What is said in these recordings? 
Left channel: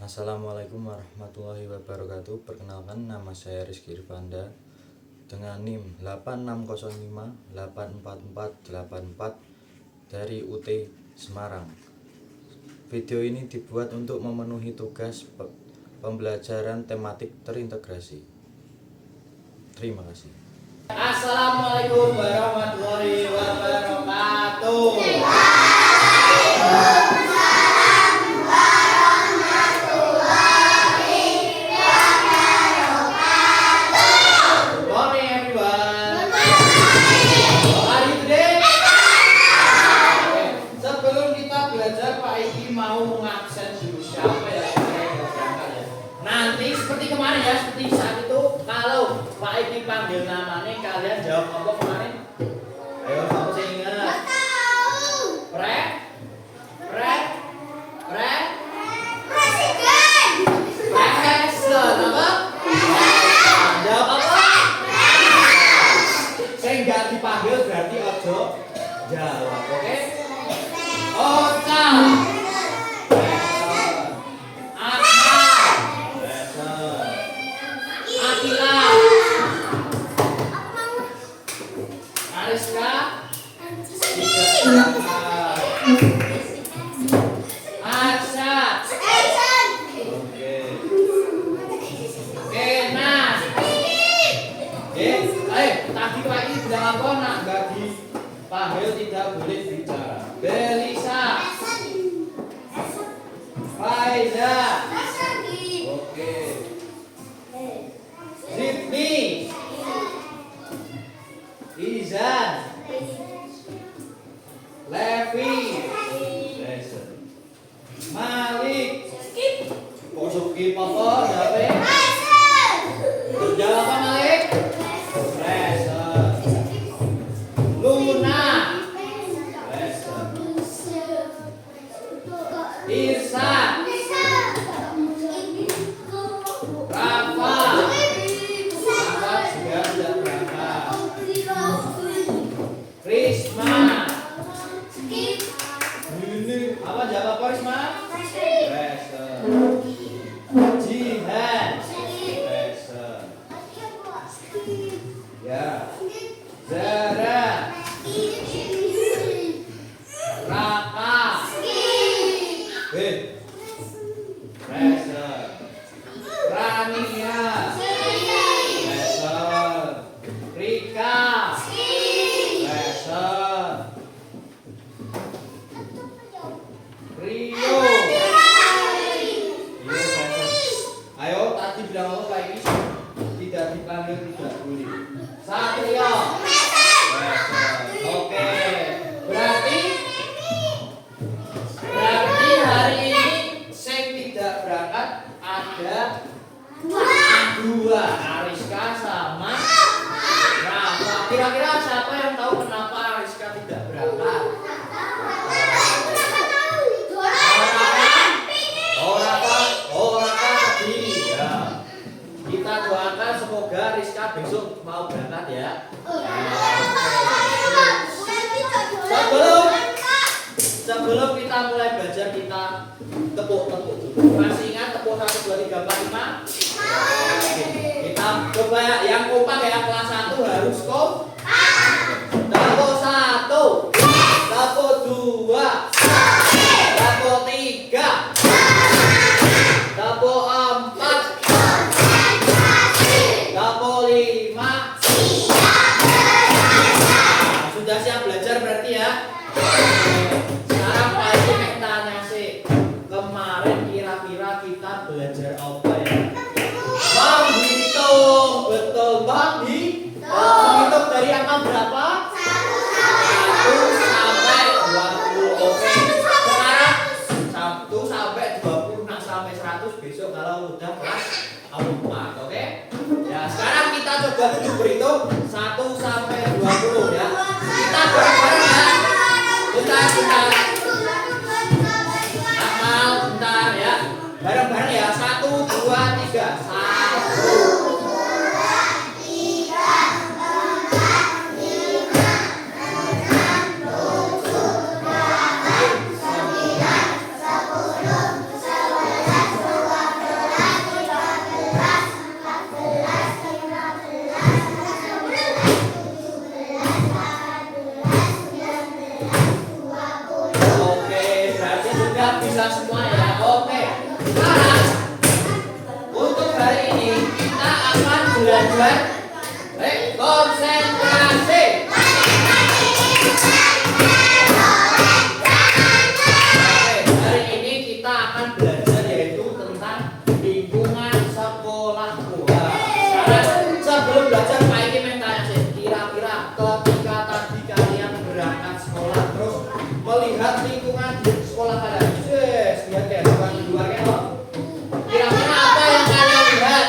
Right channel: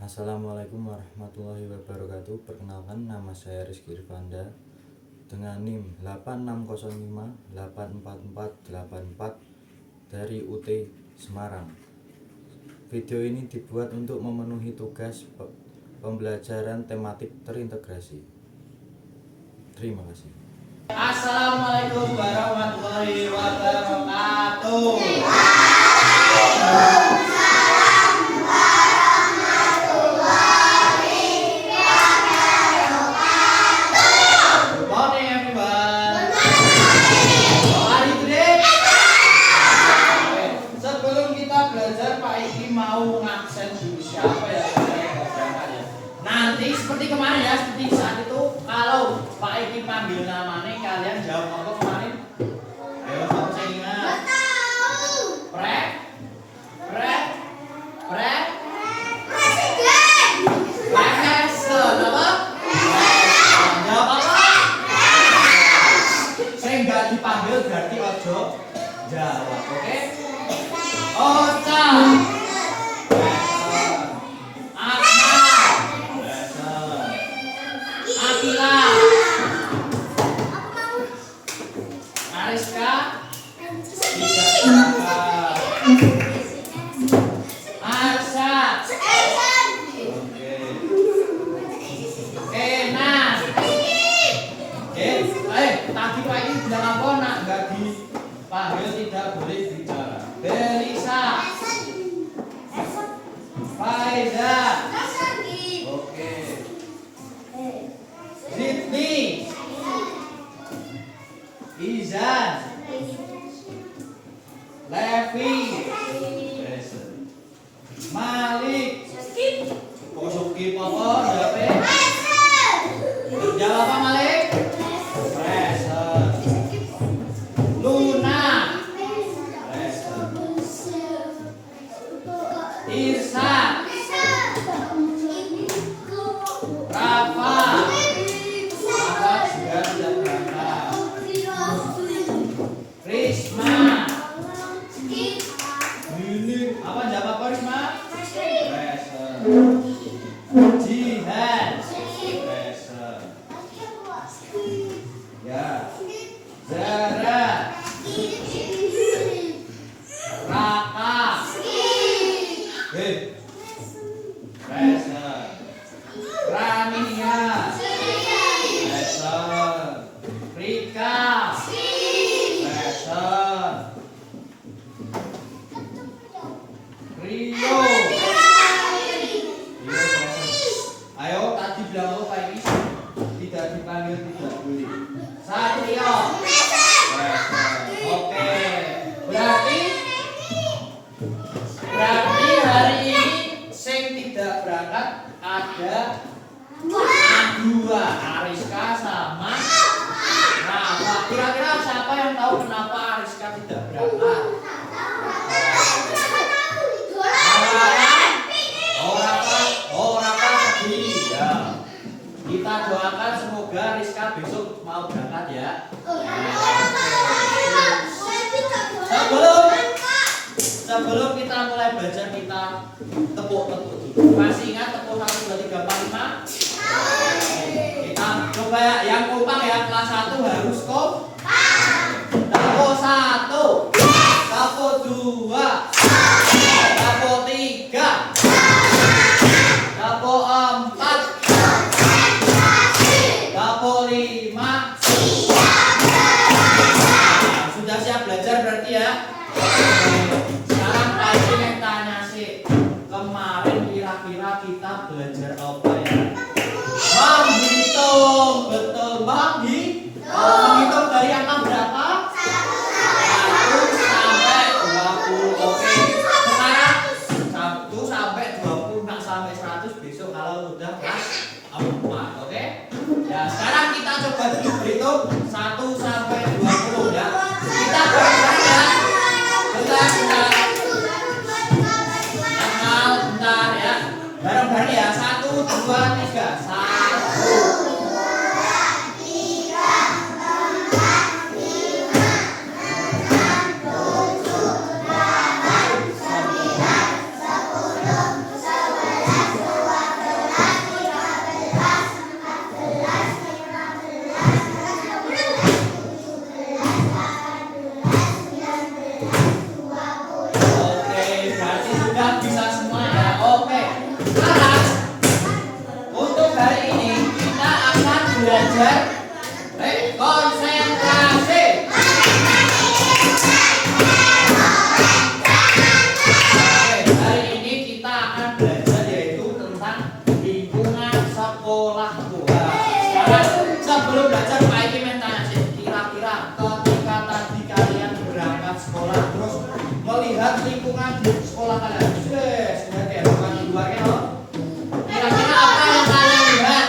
Assalamualaikum warahmatullahi wabarakatuh. Perkenalkan, nama saya Rizky Irfanda dengan NIM 8605844484 dari UT Semarang. Video ini dibuat untuk memenuhi tugas pembelajaran tematik terintegrasi. Terima kasih. Assalamualaikum warahmatullahi wabarakatuh. Mau ngaksen dulu siapa ya? Nanti seperti kemarin ya, seperti saat itu kalau Pak Edi panggil namanya kalian jawab apa kemarin? Ayo kamu saya ingat. Presiden. Apa? Jawab apa? Saya nggak dipanggil berarti ojo jawab, oke? Oca. Ariska Arsa Kena tadi Pak ini bilang apa nak nggak dipanggil tidak boleh bicara. Belisa Faiza oke Sydney Izan Levi Malik kok skip apa jawabnya jawab apa Malik Luna Irsa Rafa juga tidak berangkat Risma ini apa jawab apa Risma Jihan ya Zara Raka Rania Rika Rio ayo tadi bilang apa ini tidak dipanggil tidak boleh Satrio oke berarti hari ini sing tidak berangkat ada dua Ariska sama Rafa. Kira-kira siapa yang tahu kenapa Ariska tidak berangkat? Rafa sedih ya. Kita doakan semoga Rizka besok mau berangkat ya. Sebelum kita mulai belajar kita tepuk-tepuk dulu. Masih ingat tepuk 1 2 3 4 5? Kita coba ya, yang kompak ya, kelas 1 harus kompak. Tepuk 1, tepuk 2, tepuk 3, tepuk 4, tepuk 5. Sudah siap belajar berarti ya? Sekarang Pak Edi mau tanya sih, kemarin kira-kira kita belajar apa ya? Menghitung, betul menghitung dari angka berapa? 1 sampai 20. Oke. Sekarang 1 sampai 20 sampai 100 besok kalau udah kelas 4, oke? Ya, sekarang kita coba dulu berhitung 1 sampai 20 ya. Kita bareng-bareng ya. Bentar. Bentar ya. Bareng-bareng ya. 1 2 3. 1 1 Sekarang untuk hari ini kita akan belajar konsentrasi. Hari ini kita akan belajar yaitu tentang lingkungan sekolahku. Sekarang sebelum belajar Pak Iki tanya sih, kira-kira ketika tadi kalian berangkat sekolah terus melihat lingkungan di sekolah kalian, sudah kayak bukan di luar kan? Kira-kira apa yang kalian lihat?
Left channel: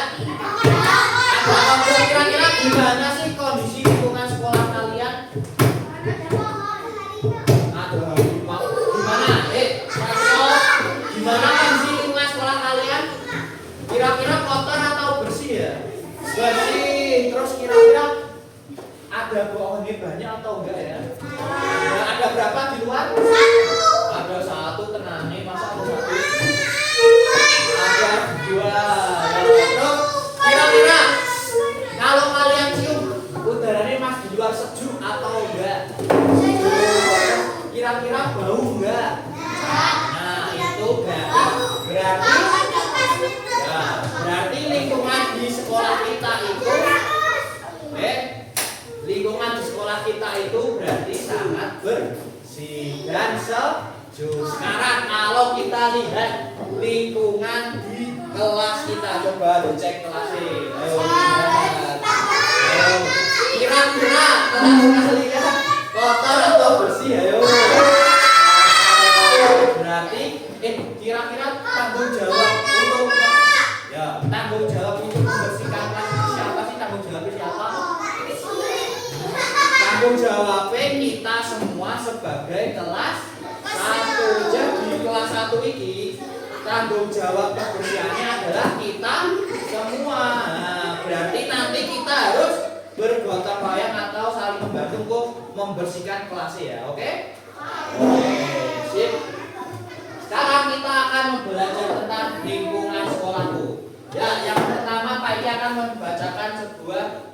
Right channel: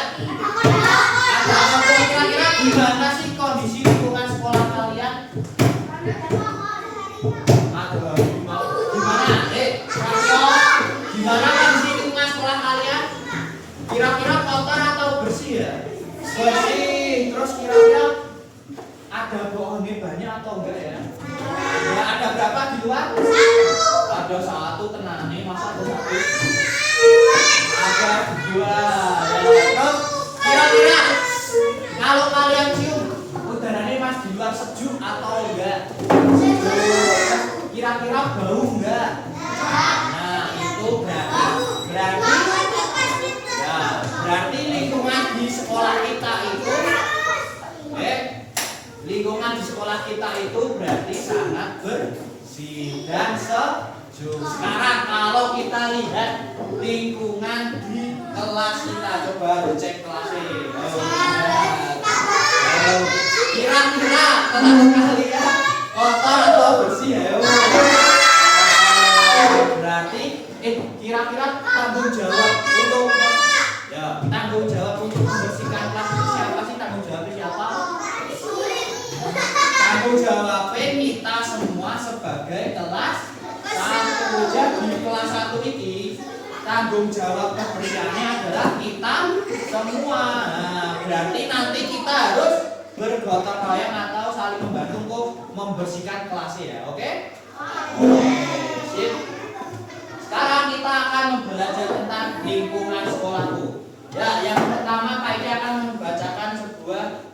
Kira-kira gimana sih kondisi lingkungan sekolah kalian? Aduh, gimana? Gimana kondisi lingkungan sekolah kalian? Kira-kira kotor atau bersih ya? Bersih. Terus kira-kira ada pohonnya banyak atau enggak ya? Ada berapa di luar? Ada satu, tenang nih, masa ada satu? Ada dua. Terus kira-kira kalau kalian cium udaranya pas di luar sejuk atau enggak? Kira-kira bau enggak? Nah itu berarti lingkungan di sekolah kita itu berarti sangat bersih dan sejuk. Sekarang kalau kita lihat lingkungan di kelas kita, coba cek kelasnya. Ayo lihat. Ayo. Kira-kira kelas kalian kotor atau bersih? Ayo. Berarti kira-kira tanggung jawab untuk tanggung jawab untuk membersihkan kelas itu siapa sih? Tanggung jawabnya siapa? Tanggung jawabnya kita semua sebagai kelas 1. Jadi kelas 1 ini tanggung jawab kebersihannya adalah kita semua. Nah, berarti nanti kita harus bergotong royong atau saling membantu untuk membersihkan kelasnya ya, oke? Sip. Sekarang kita akan belajar tentang lingkungan sekolahku. Ya, yang pertama Pak Iki akan membacakan sebuah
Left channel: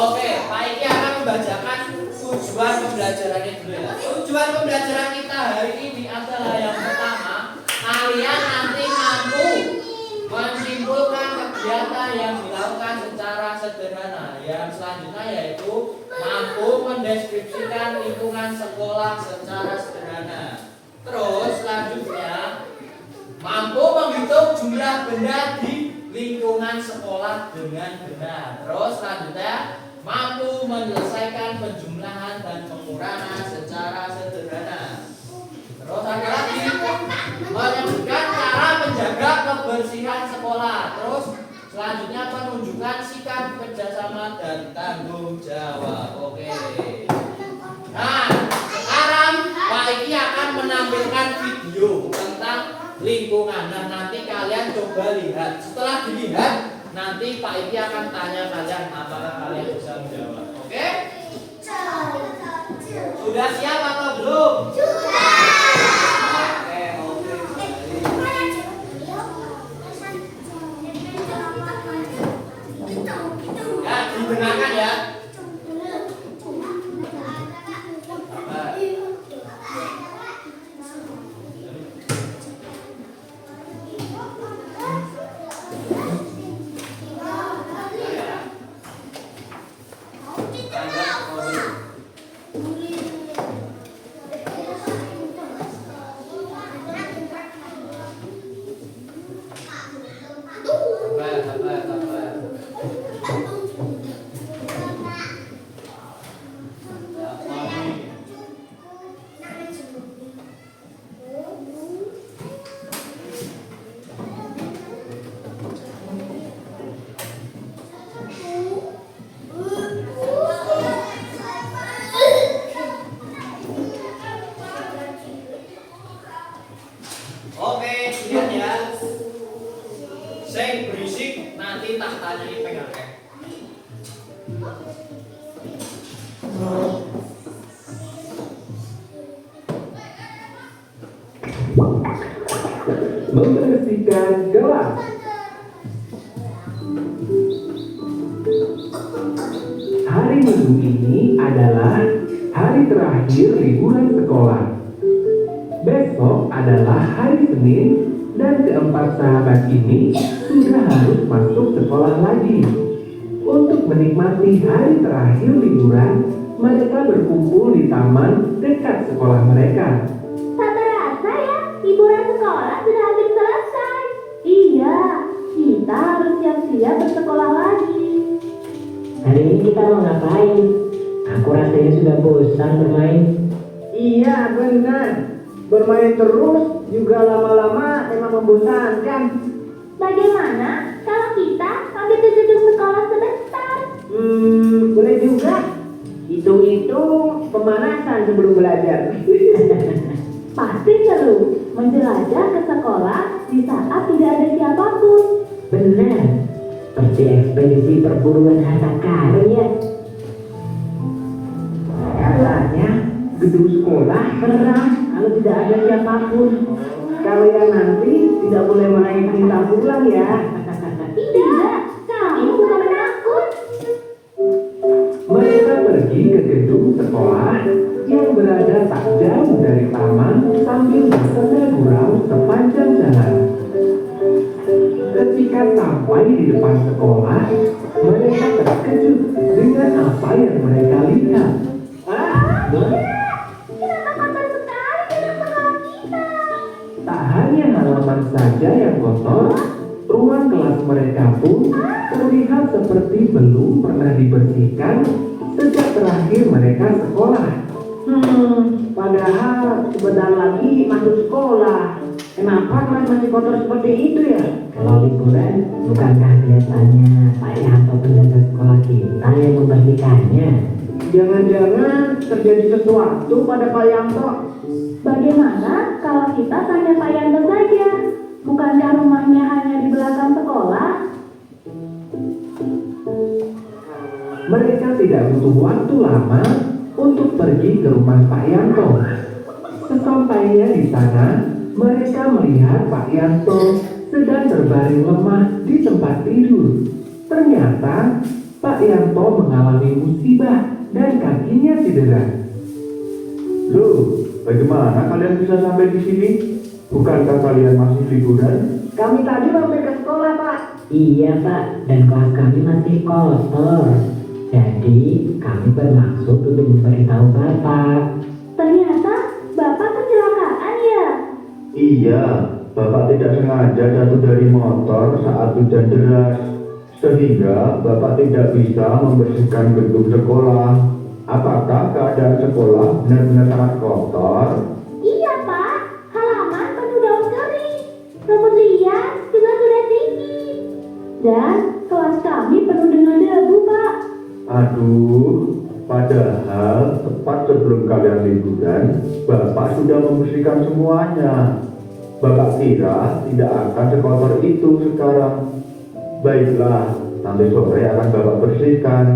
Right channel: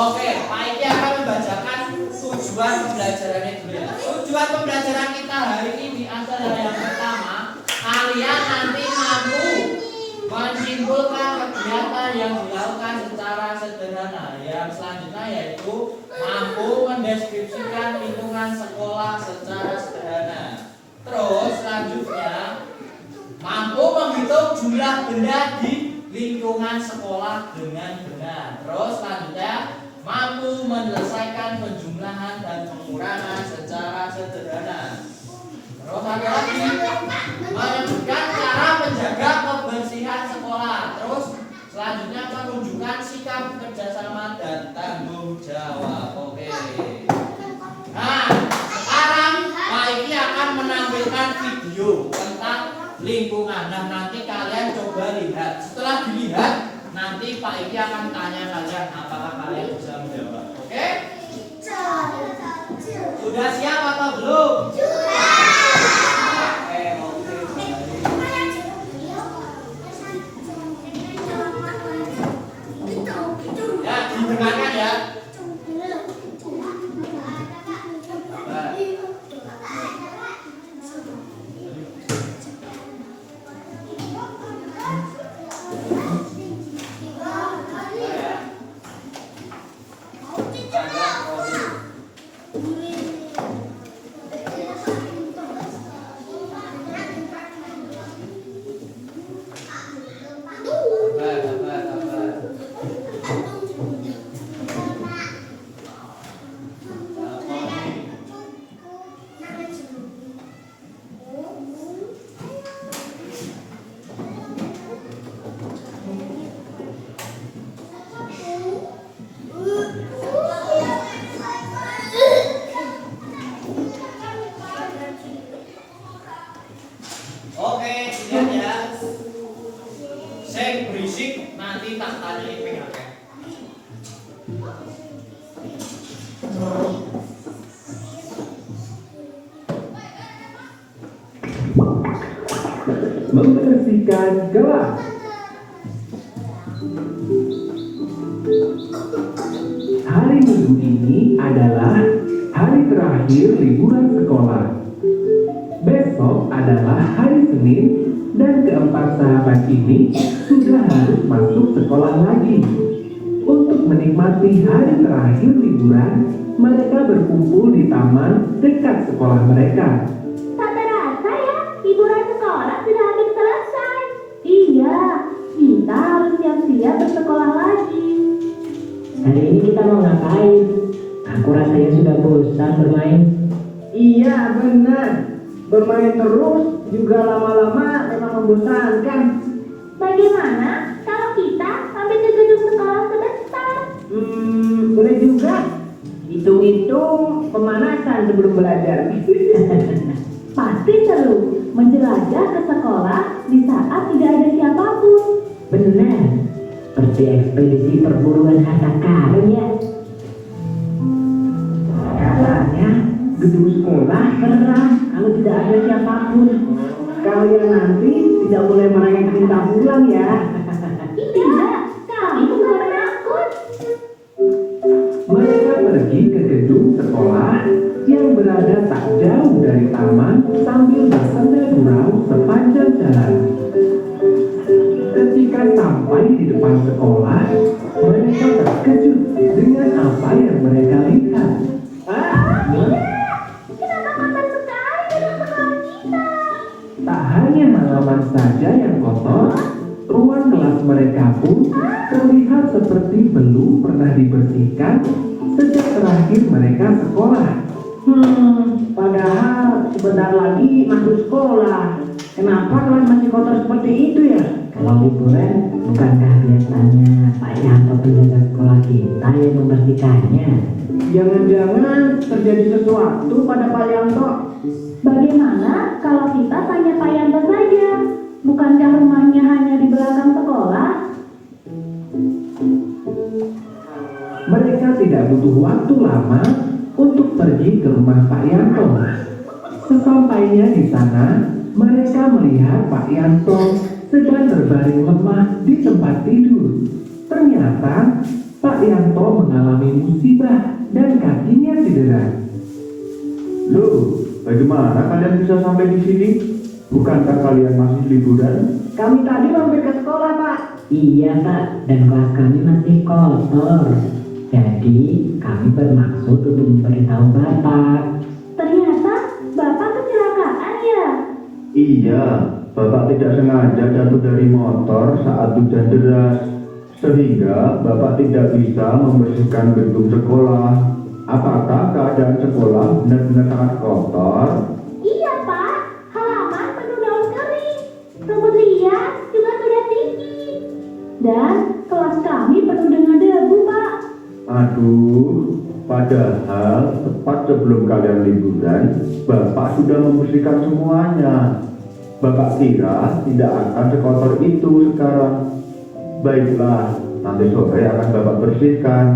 Oke, Pak Iki akan membacakan tujuan pembelajarannya dulu ya. Tujuan pembelajaran kita hari ini adalah yang pertama, kalian nanti mampu menyimpulkan kegiatan yang dilakukan secara sederhana. Yang selanjutnya yaitu mampu mendeskripsikan lingkungan sekolah secara sederhana. Terus selanjutnya mampu menghitung jumlah benda di lingkungan sekolah dengan benar. Terus selanjutnya mampu menyelesaikan penjumlahan dan pengurangan secara sederhana. Terus ada lagi menyebutkan cara menjaga kebersihan sekolah. Terus selanjutnya menunjukkan sikap kerjasama dan tanggung jawab. Oke. Nah, sekarang Pak Iki akan menampilkan video tentang lingkungan. Nah, nanti kalian coba lihat. Setelah dilihat, nanti Pak Iki akan tanya kalian apakah kalian bisa menjawab. Oke? Sudah siap atau belum? Ya, didengarkan ya. Membersihkan kelas. Hari Minggu ini adalah hari terakhir liburan sekolah. Besok adalah hari Senin dan keempat sahabat ini sudah harus masuk sekolah lagi. Untuk menikmati hari terakhir liburan, mereka berkumpul di taman dekat sekolah mereka. Tak terasa ya, liburan sekolah sudah hampir selesai. Iya, kita harus siap-siap bersekolah lagi. Hari ini kita mau ngapain? Aku rasanya sudah bosan bermain. Iya benar, bermain terus juga lama-lama memang membosankan. Bagaimana kalau kita mampir ke gedung sekolah sebentar? Boleh juga. Hitung-hitung pemanasan sebelum belajar. Pasti seru menjelajah ke sekolah di saat tidak ada siapapun. Benar, seperti ekspedisi perburuan harta karun ya. Katanya gedung sekolah seram kalau tidak ada siapapun. Kalian nanti tidak boleh main minta pulang ya. Tidak, kami bukan penakut. Mereka pergi ke gedung sekolah yang berada tak jauh dari taman sambil bersenda gurau sepanjang jalan. Ketika sampai di depan sekolah, mereka terkejut dengan apa yang mereka lihat. Kenapa kotor sekali gedung sekolah kita? Tak hanya halaman saja yang kotor, ruang kelas mereka pun terlihat seperti belum pernah dibersihkan sejak terakhir mereka sekolah. Padahal sebentar lagi masuk sekolah. Kenapa kelas masih kotor seperti itu ya? Kalau liburan, bukankah biasanya Pak Yanto penjaga sekolah kita yang membersihkannya? Jangan-jangan terjadi sesuatu pada Pak Yanto. Bagaimana kalau kita tanya Pak Yanto saja? Bukankah rumahnya hanya di belakang sekolah? Mereka tidak butuh waktu lama untuk pergi ke rumah Pak Yanto. Sesampainya di sana, mereka melihat Pak Yanto sedang berbaring lemah di tempat tidur. Ternyata Pak Yanto mengalami musibah dan kakinya cedera. Loh, bagaimana kalian bisa sampai di sini? Bukankah kalian masih liburan? Kami tadi mampir ke sekolah, Pak. Iya Pak, dan kelas kami masih kotor. Jadi kami bermaksud untuk memberitahu Bapak. Ternyata Bapak kecelakaan ya? Iya, Bapak tidak sengaja jatuh dari motor saat hujan deras, sehingga Bapak tidak bisa membersihkan gedung sekolah. Apakah keadaan sekolah benar-benar sangat kotor? Iya Pak, halaman penuh daun kering. Rumput liar juga sudah tinggi. Dan kelas kami penuh dengan debu Pak. Aduh, padahal tepat sebelum kalian liburan, Bapak sudah membersihkan semuanya. Bapak kira tidak akan sekotor itu sekarang. Baiklah, nanti sore akan Bapak bersihkan.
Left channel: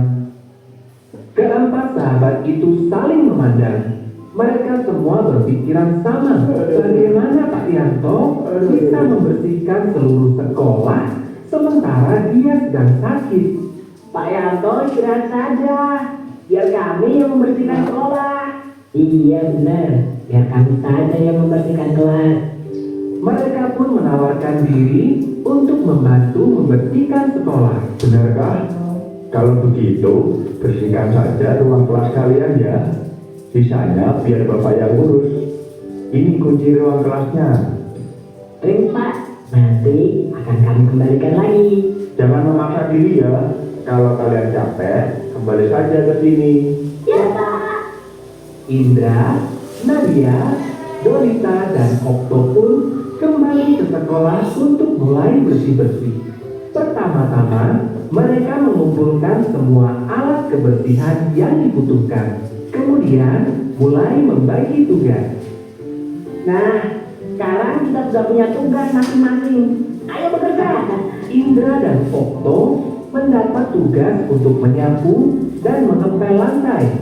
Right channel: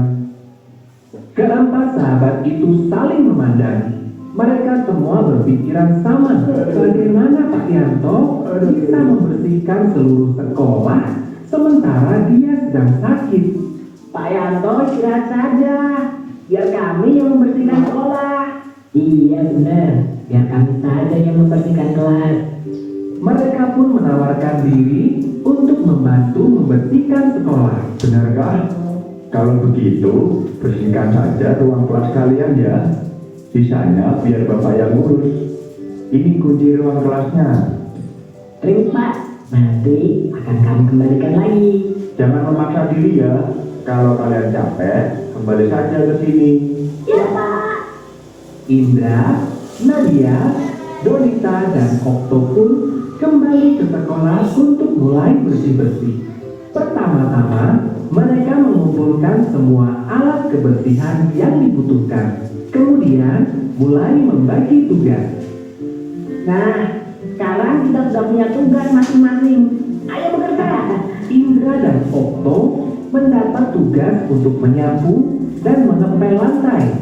Keempat sahabat itu saling memandang. Mereka semua berpikiran sama. Bagaimana Pak Yanto bisa membersihkan seluruh sekolah sementara dia sedang sakit? Pak Yanto istirahat saja, biar kami yang membersihkan sekolah. Iya benar, biar kami saja yang membersihkan kelas. Mereka pun menawarkan diri untuk membantu membersihkan sekolah. Benarkah? Kalau begitu, bersihkan saja ruang kelas kalian ya. Sisanya biar Bapak yang urus. Ini kunci ruang kelasnya. Baik Pak, nanti akan kami kembalikan lagi. Jangan memaksa diri ya. Kalau kalian capek, kembali saja ke sini. Ya Pak. Indra, Nadia, Donita, dan Okto pun kembali ke sekolah untuk mulai bersih-bersih. Pertama-tama, mereka mengumpulkan semua alat kebersihan yang dibutuhkan. Kemudian, mulai membagi tugas. Nah, sekarang kita sudah punya tugas masing-masing. Ayo bekerja. Indra dan Okto mendapat tugas untuk menyapu dan mengepel lantai.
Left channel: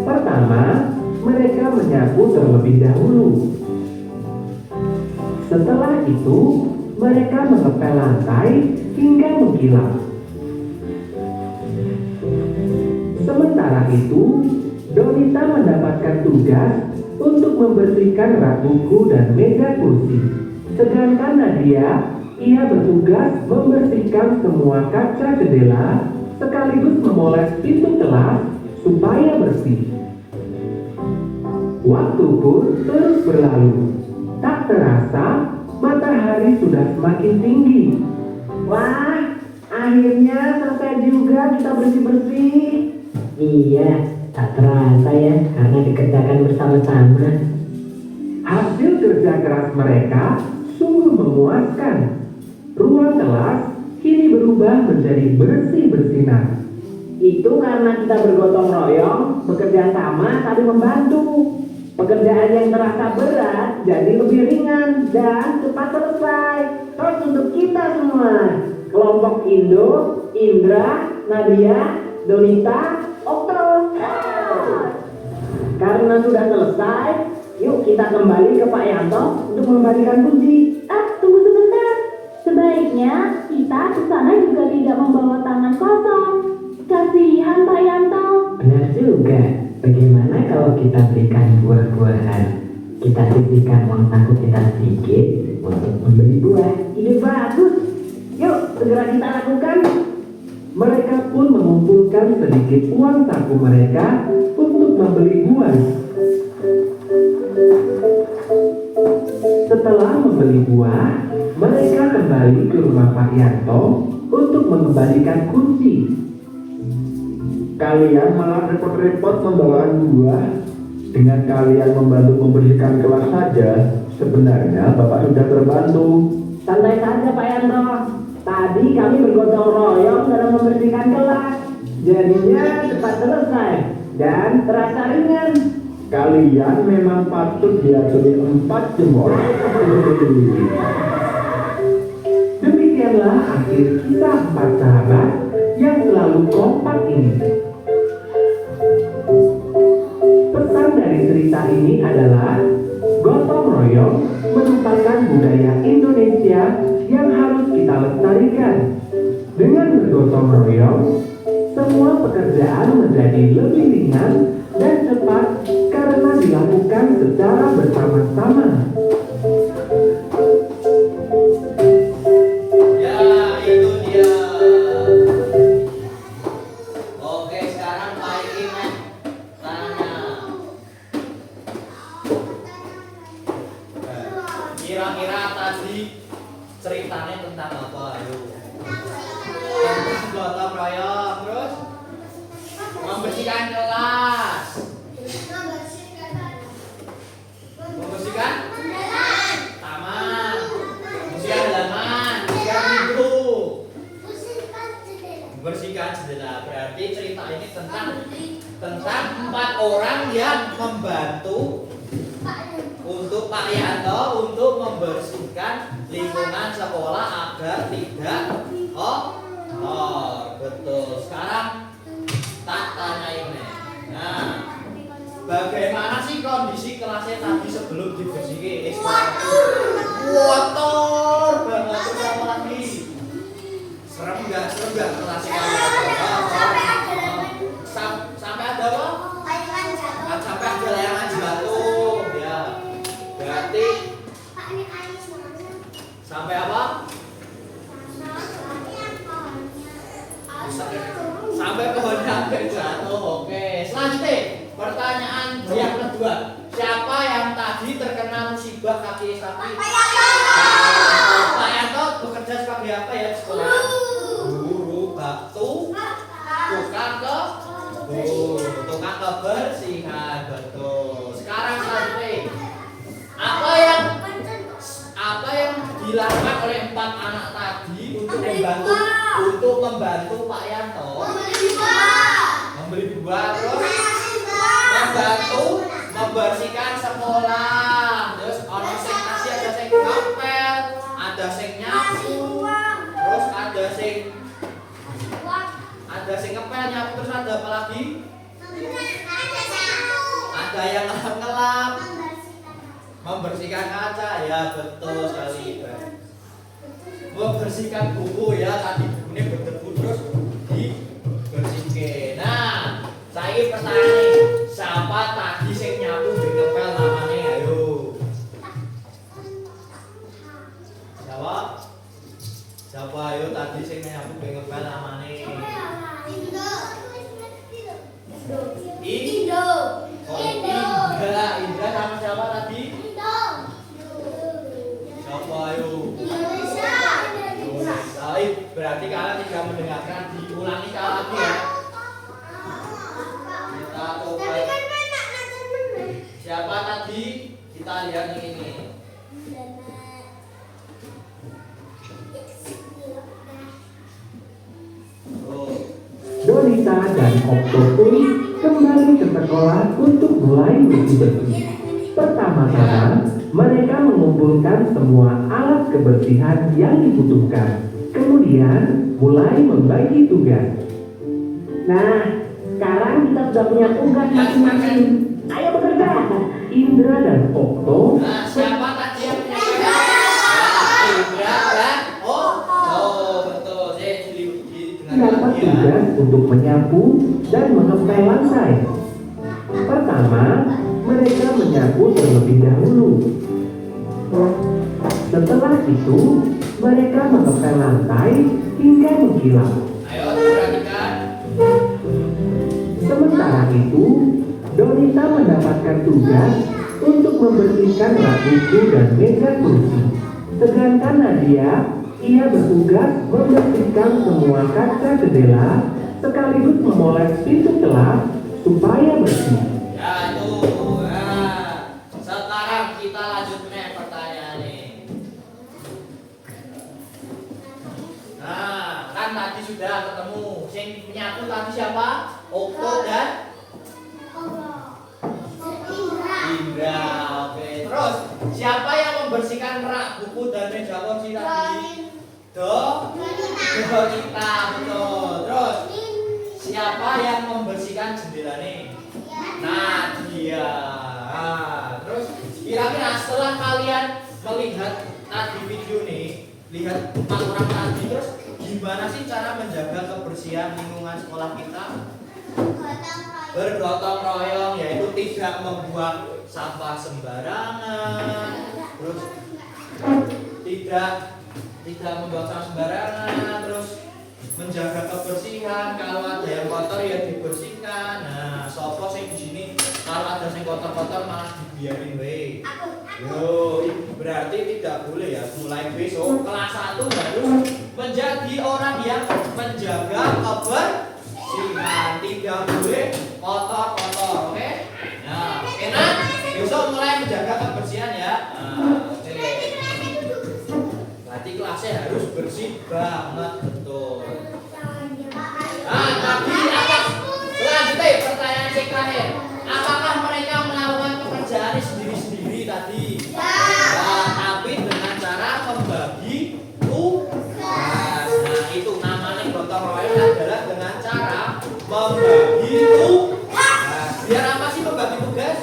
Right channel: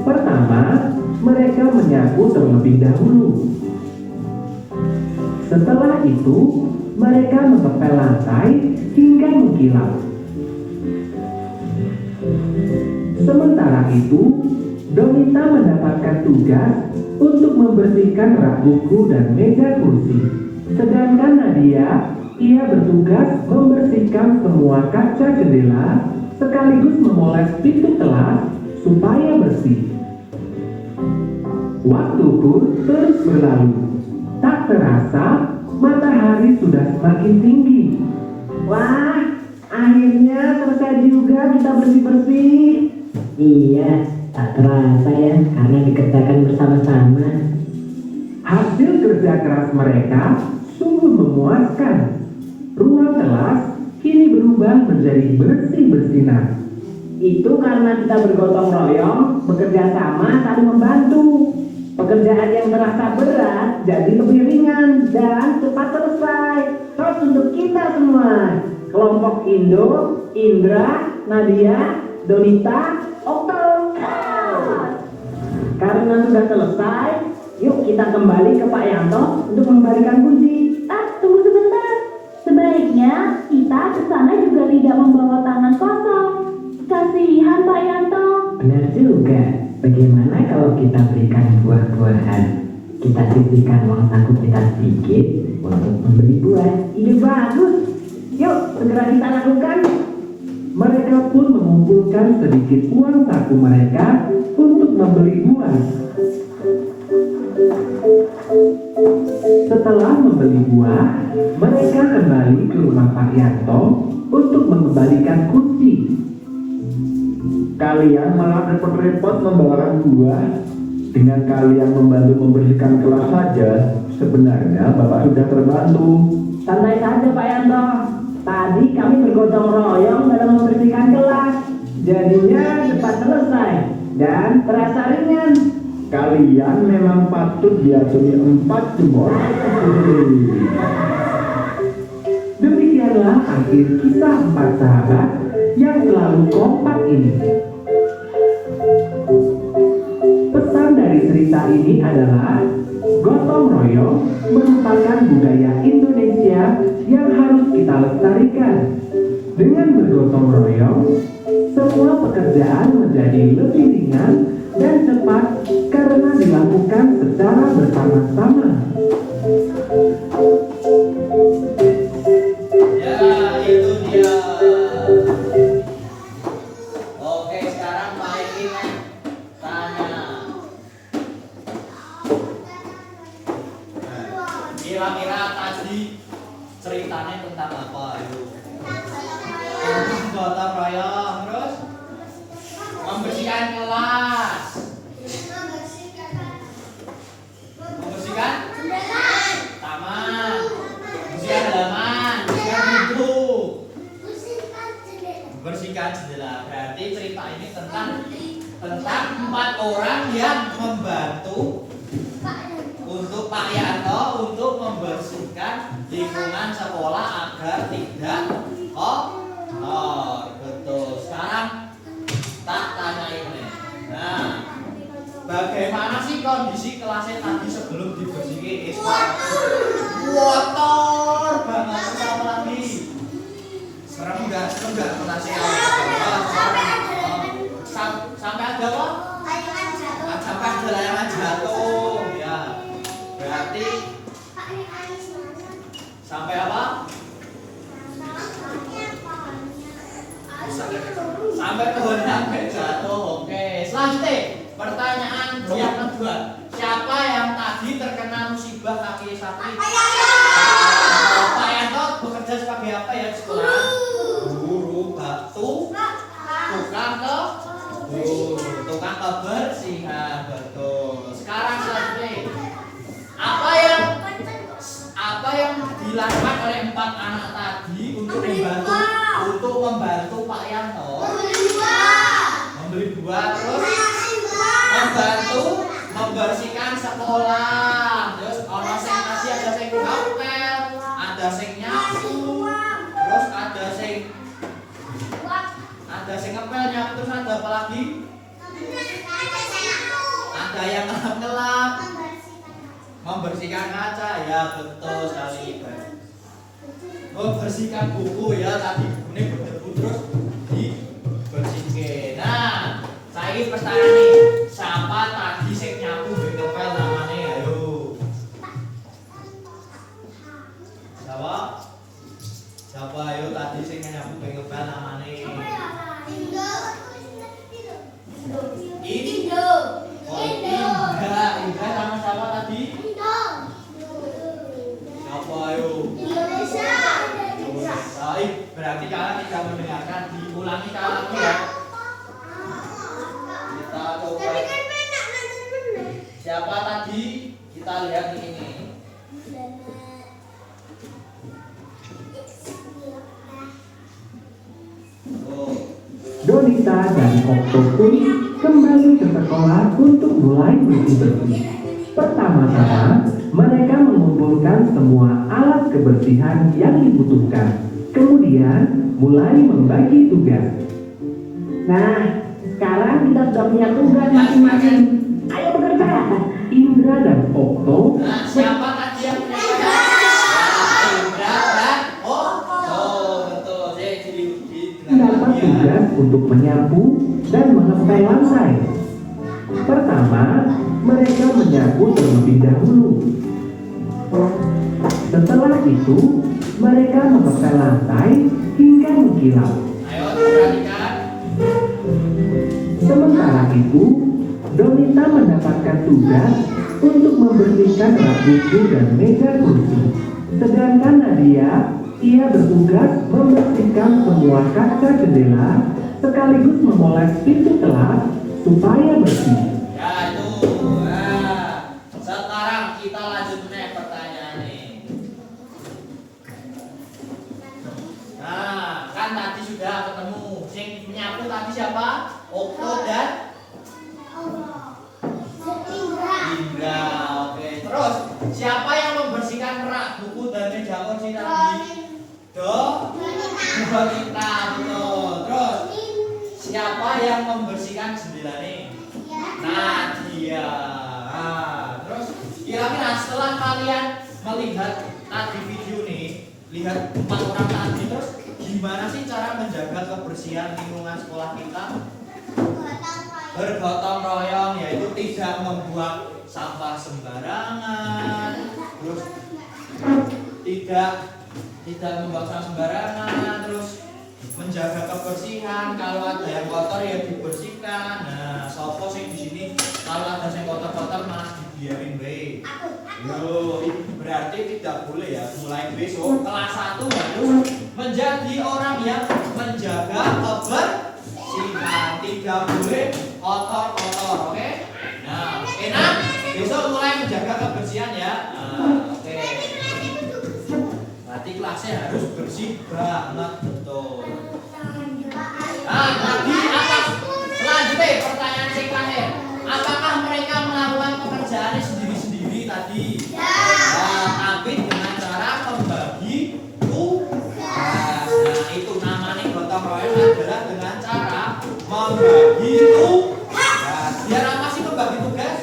Pertama, mereka menyapu terlebih dahulu. Setelah itu, mereka mengepel lantai hingga mengkilap. Sementara itu, Donita mendapatkan tugas untuk membersihkan rak buku dan meja kursi. Sedangkan Nadia, ia bertugas membersihkan semua kaca jendela sekaligus memoles pintu kelas supaya bersih. Waktu pun terus berlalu. Tak terasa, matahari sudah semakin tinggi. Wah, akhirnya selesai juga kita bersih-bersih. Iya, tak terasa ya karena dikerjakan bersama-sama. Hasil kerja keras mereka sungguh memuaskan. Ruang kelas kini berubah menjadi bersih-bersinar. Itu karena kita bergotong royong, bekerja sama, saling membantu. Pekerjaan yang terasa berat jadi lebih ringan dan cepat selesai. Terus untuk kita semua, kelompok Indo, Indra, Nadia, Donita, Okto. Karena sudah selesai, yuk kita kembali ke Pak Yanto untuk memberikan kunci. Tunggu sebentar. Sebaiknya kita ke sana juga tidak membawa tangan kosong. Kasihan Pak Yanto. Benar juga. Bagaimana kalau kita berikan buah-buahan? Kita sisihkan uang saku kita sedikit untuk membeli buah. Ide bagus. Yuk segera kita lakukan. Mereka pun mengumpulkan sedikit uang saku mereka untuk membeli buah. Setelah membeli buah, mereka kembali ke rumah Pak Yanto untuk mengembalikan kunci. Kalian malah repot-repot membawakan buah. Dengan kalian membantu membersihkan kelas saja, sebenarnya Bapak sudah terbantu. Santai saja Pak Yanto. Tadi kami bergotong royong dalam membersihkan kelas. Jadinya cepat selesai dan terasa ringan. Kalian memang patut diacungi 4 jempol. Demikianlah akhir kisah 4 sahabat yang selalu kompak ini. Pesan dari cerita ini adalah gotong royong merupakan budaya Indonesia yang harus kita lestarikan. Dengan bergotong royong, semua pekerjaan menjadi lebih ringan dan cepat karena dilakukan secara bersama-sama. Ya, itu dia. Oke, sekarang Pak Ikin tanya. Kira-kira tadi ceritanya tentang apa? Yuk. Gotong royong, terus membersihkan kelas. Membersihkan taman, membersihkan halaman, membersihkan pintu, membersihkan jendela. Berarti cerita ini tentang 4 orang yang membantu untuk Pak Yanto untuk membersihkan lingkungan sekolah agar tidak kotor. Betul. Sekarang tak tanya ini. Nah, bagaimana sih kondisi kelasnya tadi sebelum dibersihkan? Kotor banget. Apa lagi? Serem nggak kelasnya? Sampai ada apa? Sampai ada layangan jatuh. Ya. Berarti sampai apa? Sampai pohon sampai jatuh. Oke. Selanjutnya pertanyaan yang kedua. Siapa yang tadi terkena musibah kaki sapi? Pak Yanto bekerja sebagai apa ya di sekolah? Guru batu, tukang kebersihan. Betul. Sekarang selanjutnya apa yang dilakukan oleh 4 anak tadi untuk membantu Pak Yanto membeli buah, terus membantu membersihkan sekolah, terus ono sing kasih, ada sing ngepel, ada sing nyapu, terus ada sing ngepel, nyapu, terus ada apa lagi? Ada yang ngelap-ngelap, Membersihkan kaca ya, betul sekali. Membersihkan buku ya, tadi bukunya berdebu terus dibersihkan. Nah, saya pertanyaan nih, siapa tadi sing nyapu ben ngepel namanya? Ayo. Siapa? Siapa ayo tadi sing nyapu ben ngepel namanya? Indo. Oh, Indra sama siapa tadi? Siapa ayo? Baik, berarti kalian tidak mendengarkan, diulangi sekali lagi ya. Kita coba. Siapa tadi? Kita lihat di ini. Oh. Donita dan Okto pun kembali ke sekolah untuk mulai bersih-bersih. Pertama-tama, mereka mengumpulkan semua alat kebersihan yang dibutuhkan. Kemudian, mulai membagi tugas. Nah, sekarang kita sudah punya tugas masing-masing. Ayo bekerja. Indra dan Okto Nah, siapa tadi yang punya pada? Indra dan betul. Jadi mendapat tugas untuk menyapu dan mengepel lantai. Pertama, mereka menyapu terlebih dahulu. Setelah itu, mereka mengepel lantai hingga mengkilap. Ayo perhatikan. Sementara itu, Donita mendapatkan tugas untuk membersihkan rak buku dan meja kursi. Sedangkan Nadia, ia bertugas membersihkan semua kaca jendela sekaligus memoles pintu kelas supaya bersih. Ya tuh. Nah, sekarang kita lanjut nih pertanyaan nih. Nah, kan tadi sudah ketemu. Yang menyapu tadi siapa? Okto dan Indra. Oke. Terus siapa yang membersihkan rak buku dan meja kursi tadi? Donita, betul. Terus siapa yang membersihkan jendela nih? Nadia. Nah, terus kira-kira setelah kalian melihat tadi video nih, lihat 4 orang tadi, terus gimana sih cara menjaga kebersihan lingkungan sekolah kita? Bergotong royong, yaitu tidak membuang sampah sembarangan, terus tidak membuang sampah sembarangan, terus menjaga kebersihan. Kalau ada yang kotor ya dibersihkan. Nah, sopo sing di sini kalau ada yang kotor-kotor malah dibiarin baik. Yo, berarti tidak boleh ya. Mulai besok kelas 1 harus menjadi orang yang menjaga kebersihan. Tidak boleh kotor-kotor, oke? Nah, enak. Besok mulai menjaga kebersihan ya. Nah, oke. Berarti kelasnya harus bersih banget, betul. Nah, tadi apa? Selanjutnya pertanyaan yang terakhir. Apakah mereka melakukan pekerjaan sendiri-sendiri tadi? Ya, tapi dengan cara membagi tugas. Nah, itu namanya gotong royong adalah dengan cara membagi tugas. Biar apa sih membagi tugas?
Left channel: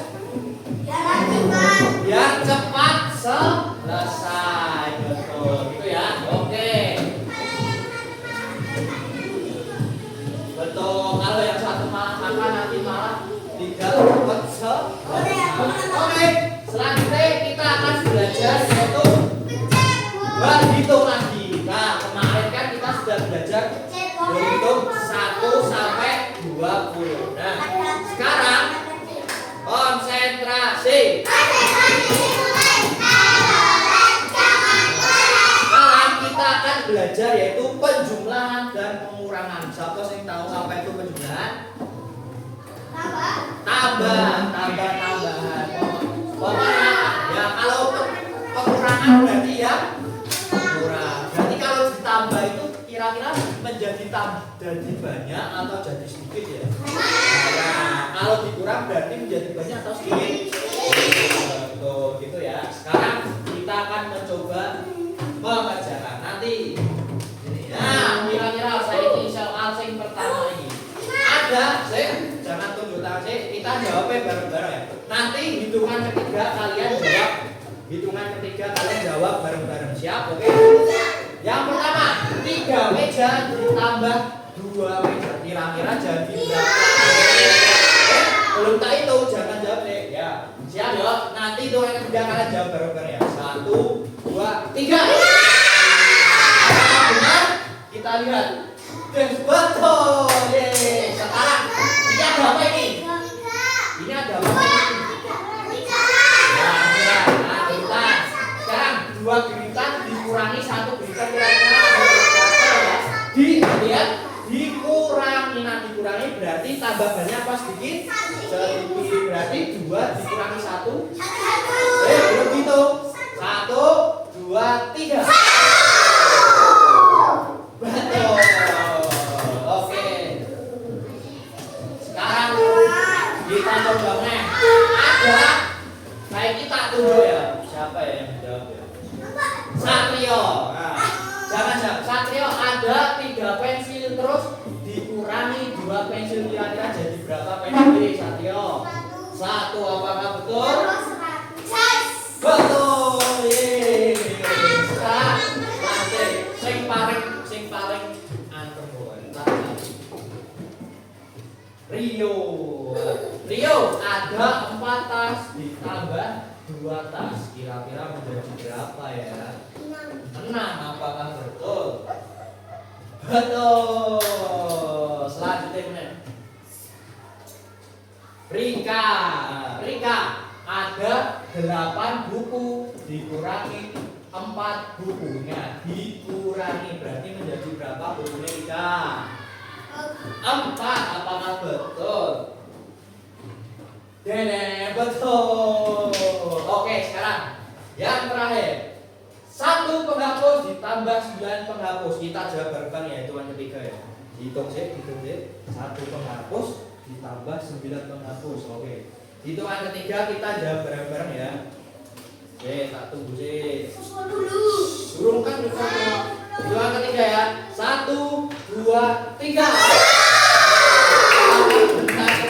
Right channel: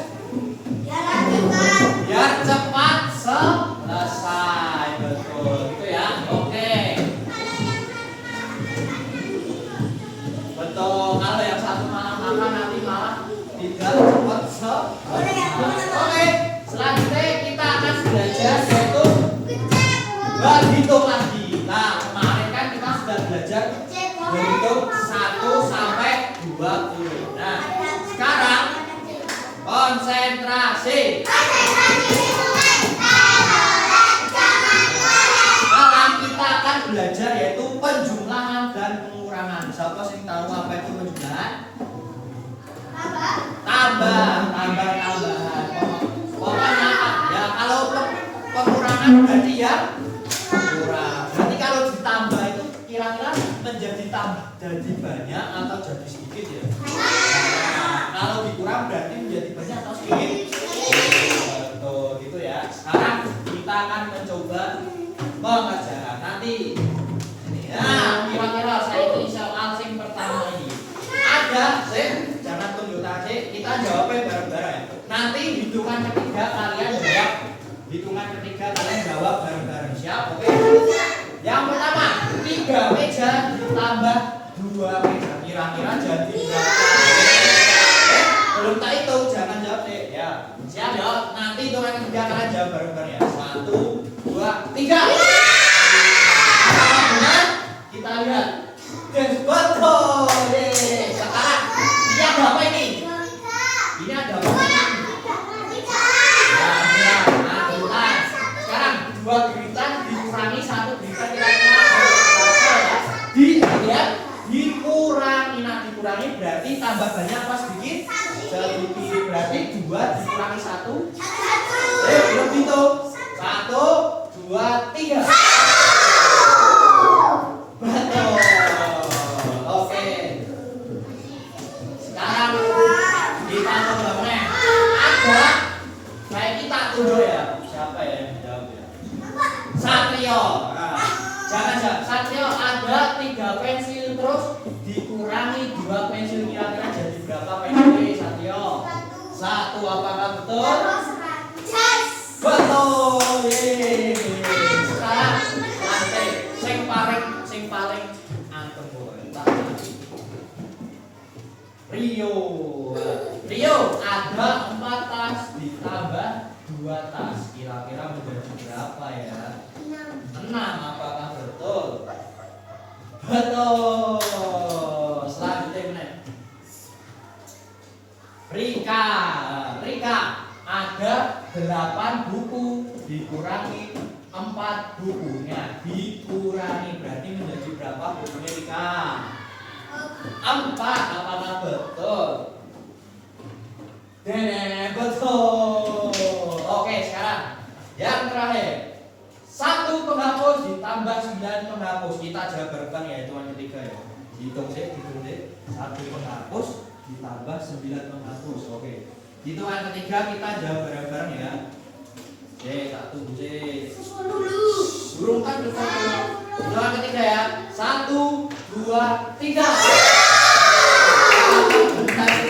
Biar cepat selesai, betul. Itu ya. Oke. Betul. Kalau yang satu malah makan nanti malah tidak cepat selesai. Oke. Selanjutnya kita akan belajar yaitu berhitung lagi. Nah, kemarin kan kita sudah belajar berhitung 1 sampai 20. Nah, sekarang konsentrasi. Sekarang kita akan belajar yaitu penjumlahan dan pengurangan. Siapa yang tahu apa itu penjumlahan? Tambahan. Pokoknya ya kalau pengurangan berarti ya kurang. Berarti kalau ditambah itu kira-kira jadi banyak atau jadi sedikit ya? Nah, kalau dikurang berarti menjadi banyak atau sedikit? Betul, gitu ya. Sekarang kita akan mencoba mengerjakan nanti. Nah, kira-kira saya ini soal yang pertama ini. Ada, jangan tunjuk tangan, kita jawabnya bareng-bareng ya. Nanti hitungan ketiga kalian jawab tambah 2 meja. Kira-kira jadi berapa? Belum tak hitung, jangan jawab deh ya. Siap ya, nanti itu yang ketiga kalian jawab bareng-bareng ya. 1, 2, 3. Benar? Kita lihat. Dan betul. Yeay. Sekarang ini ada apa ini? Ini ada apa ini? Ya, nah, kita. Sekarang 2 geritan dikurangi 1 geritan kira-kira lihat dikurangi. Nah, dikurangi berarti tambah banyak apa sedikit? Sedikit. Berarti 2 dikurangi 1. Belum gitu. 1, 2, 3. Betul. Oke. Sekarang kita coba ada kayak kita tunggu ya. Siapa ya yang jawab ya? Satrio. Nah, jangan Satrio ada 3 pensil terus dikurangi 2 pensil kira-kira jadi berapa pensil Satrio? 1, apakah betul? Betul. Sekarang lanjut. Sing paling antem boy. Rio ada 4 tas ditambah 2 tas. Kira-kira menjadi berapa ya? 6. Apakah betul? Betul. Selanjutnya Rika ada 8 buku dikurangi 4 bukunya dikurangi berarti menjadi berapa bukunya Rika? 4. Apakah betul? Dene betul. Oke, sekarang yang terakhir 1 penghapus ditambah 9 penghapus. Kita jawab bareng ya, itu yang ketiga ya. Hitung sih. 1 penghapus ditambah 9 penghapus. Oke. Hitungan ketiga kita jawab bareng-bareng ya. Oke, 1 sih. Burung kan betul. Hitungan ketiga ya. 1, 2, 3.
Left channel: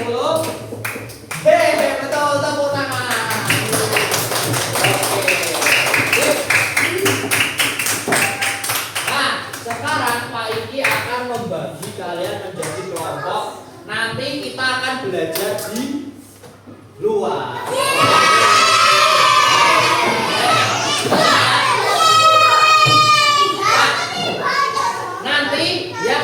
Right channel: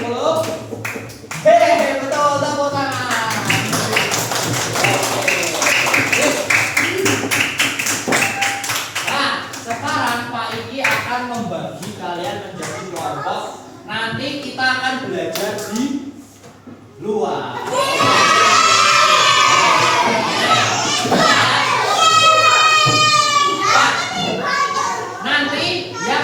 10. Betul, tepuk tangan. Oke. Nah, sekarang Pak Iki akan membagi kalian menjadi kelompok. Nanti kita akan belajar di luar. Nanti ya.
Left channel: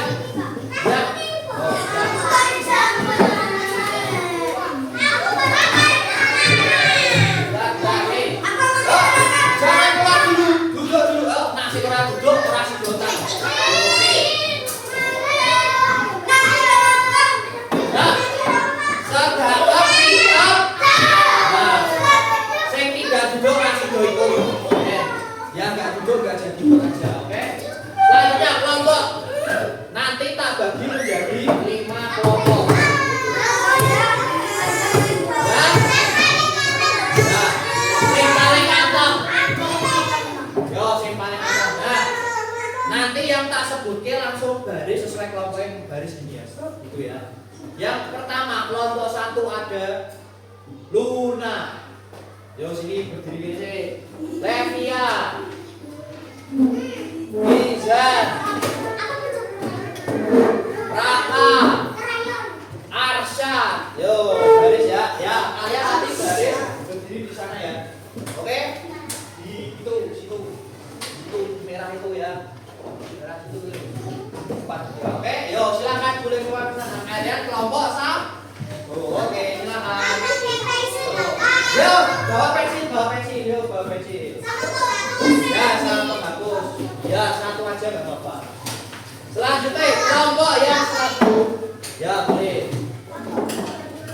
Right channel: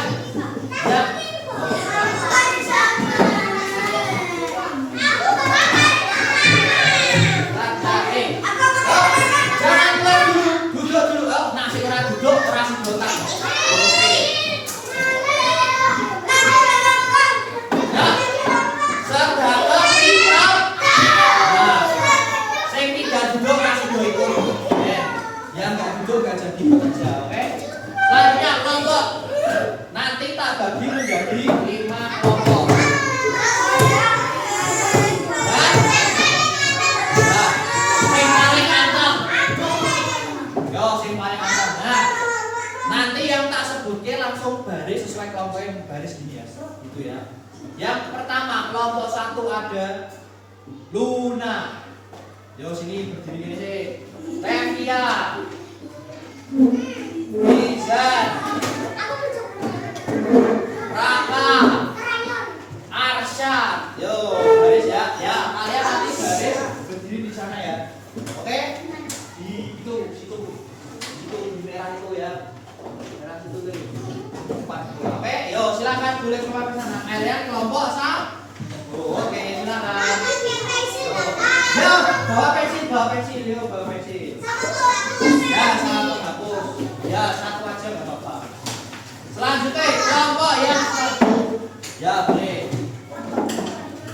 Nanti tak bagi menjadi 5 kelompok. Sing paling anteng. Yo, sing paling anteng. Nah, nanti yang tak sebutke langsung baris sesuai kelompok yang baris gini ya. Gitu ya. Yang pertama kelompok 1 ada Luna. Yo sini berdiri gini sih. Levia. Izan. Raka. Arsyad. Yo, baris ya. Ya, kalian nanti baris berdiri di sana ya. Oke? Di situ. Itu merah itu ya. Merah itu tuh. Oke, yo silakan boleh keluar ke sana. Kalian kelompok 1. Oke, silakan. Yo, bawa pensil, yo bawa pensil. Ya, 1 hapus. Ya, 1 aja enggak apa-apa. Selanjutnya kelompok yang 1. Ya, boleh.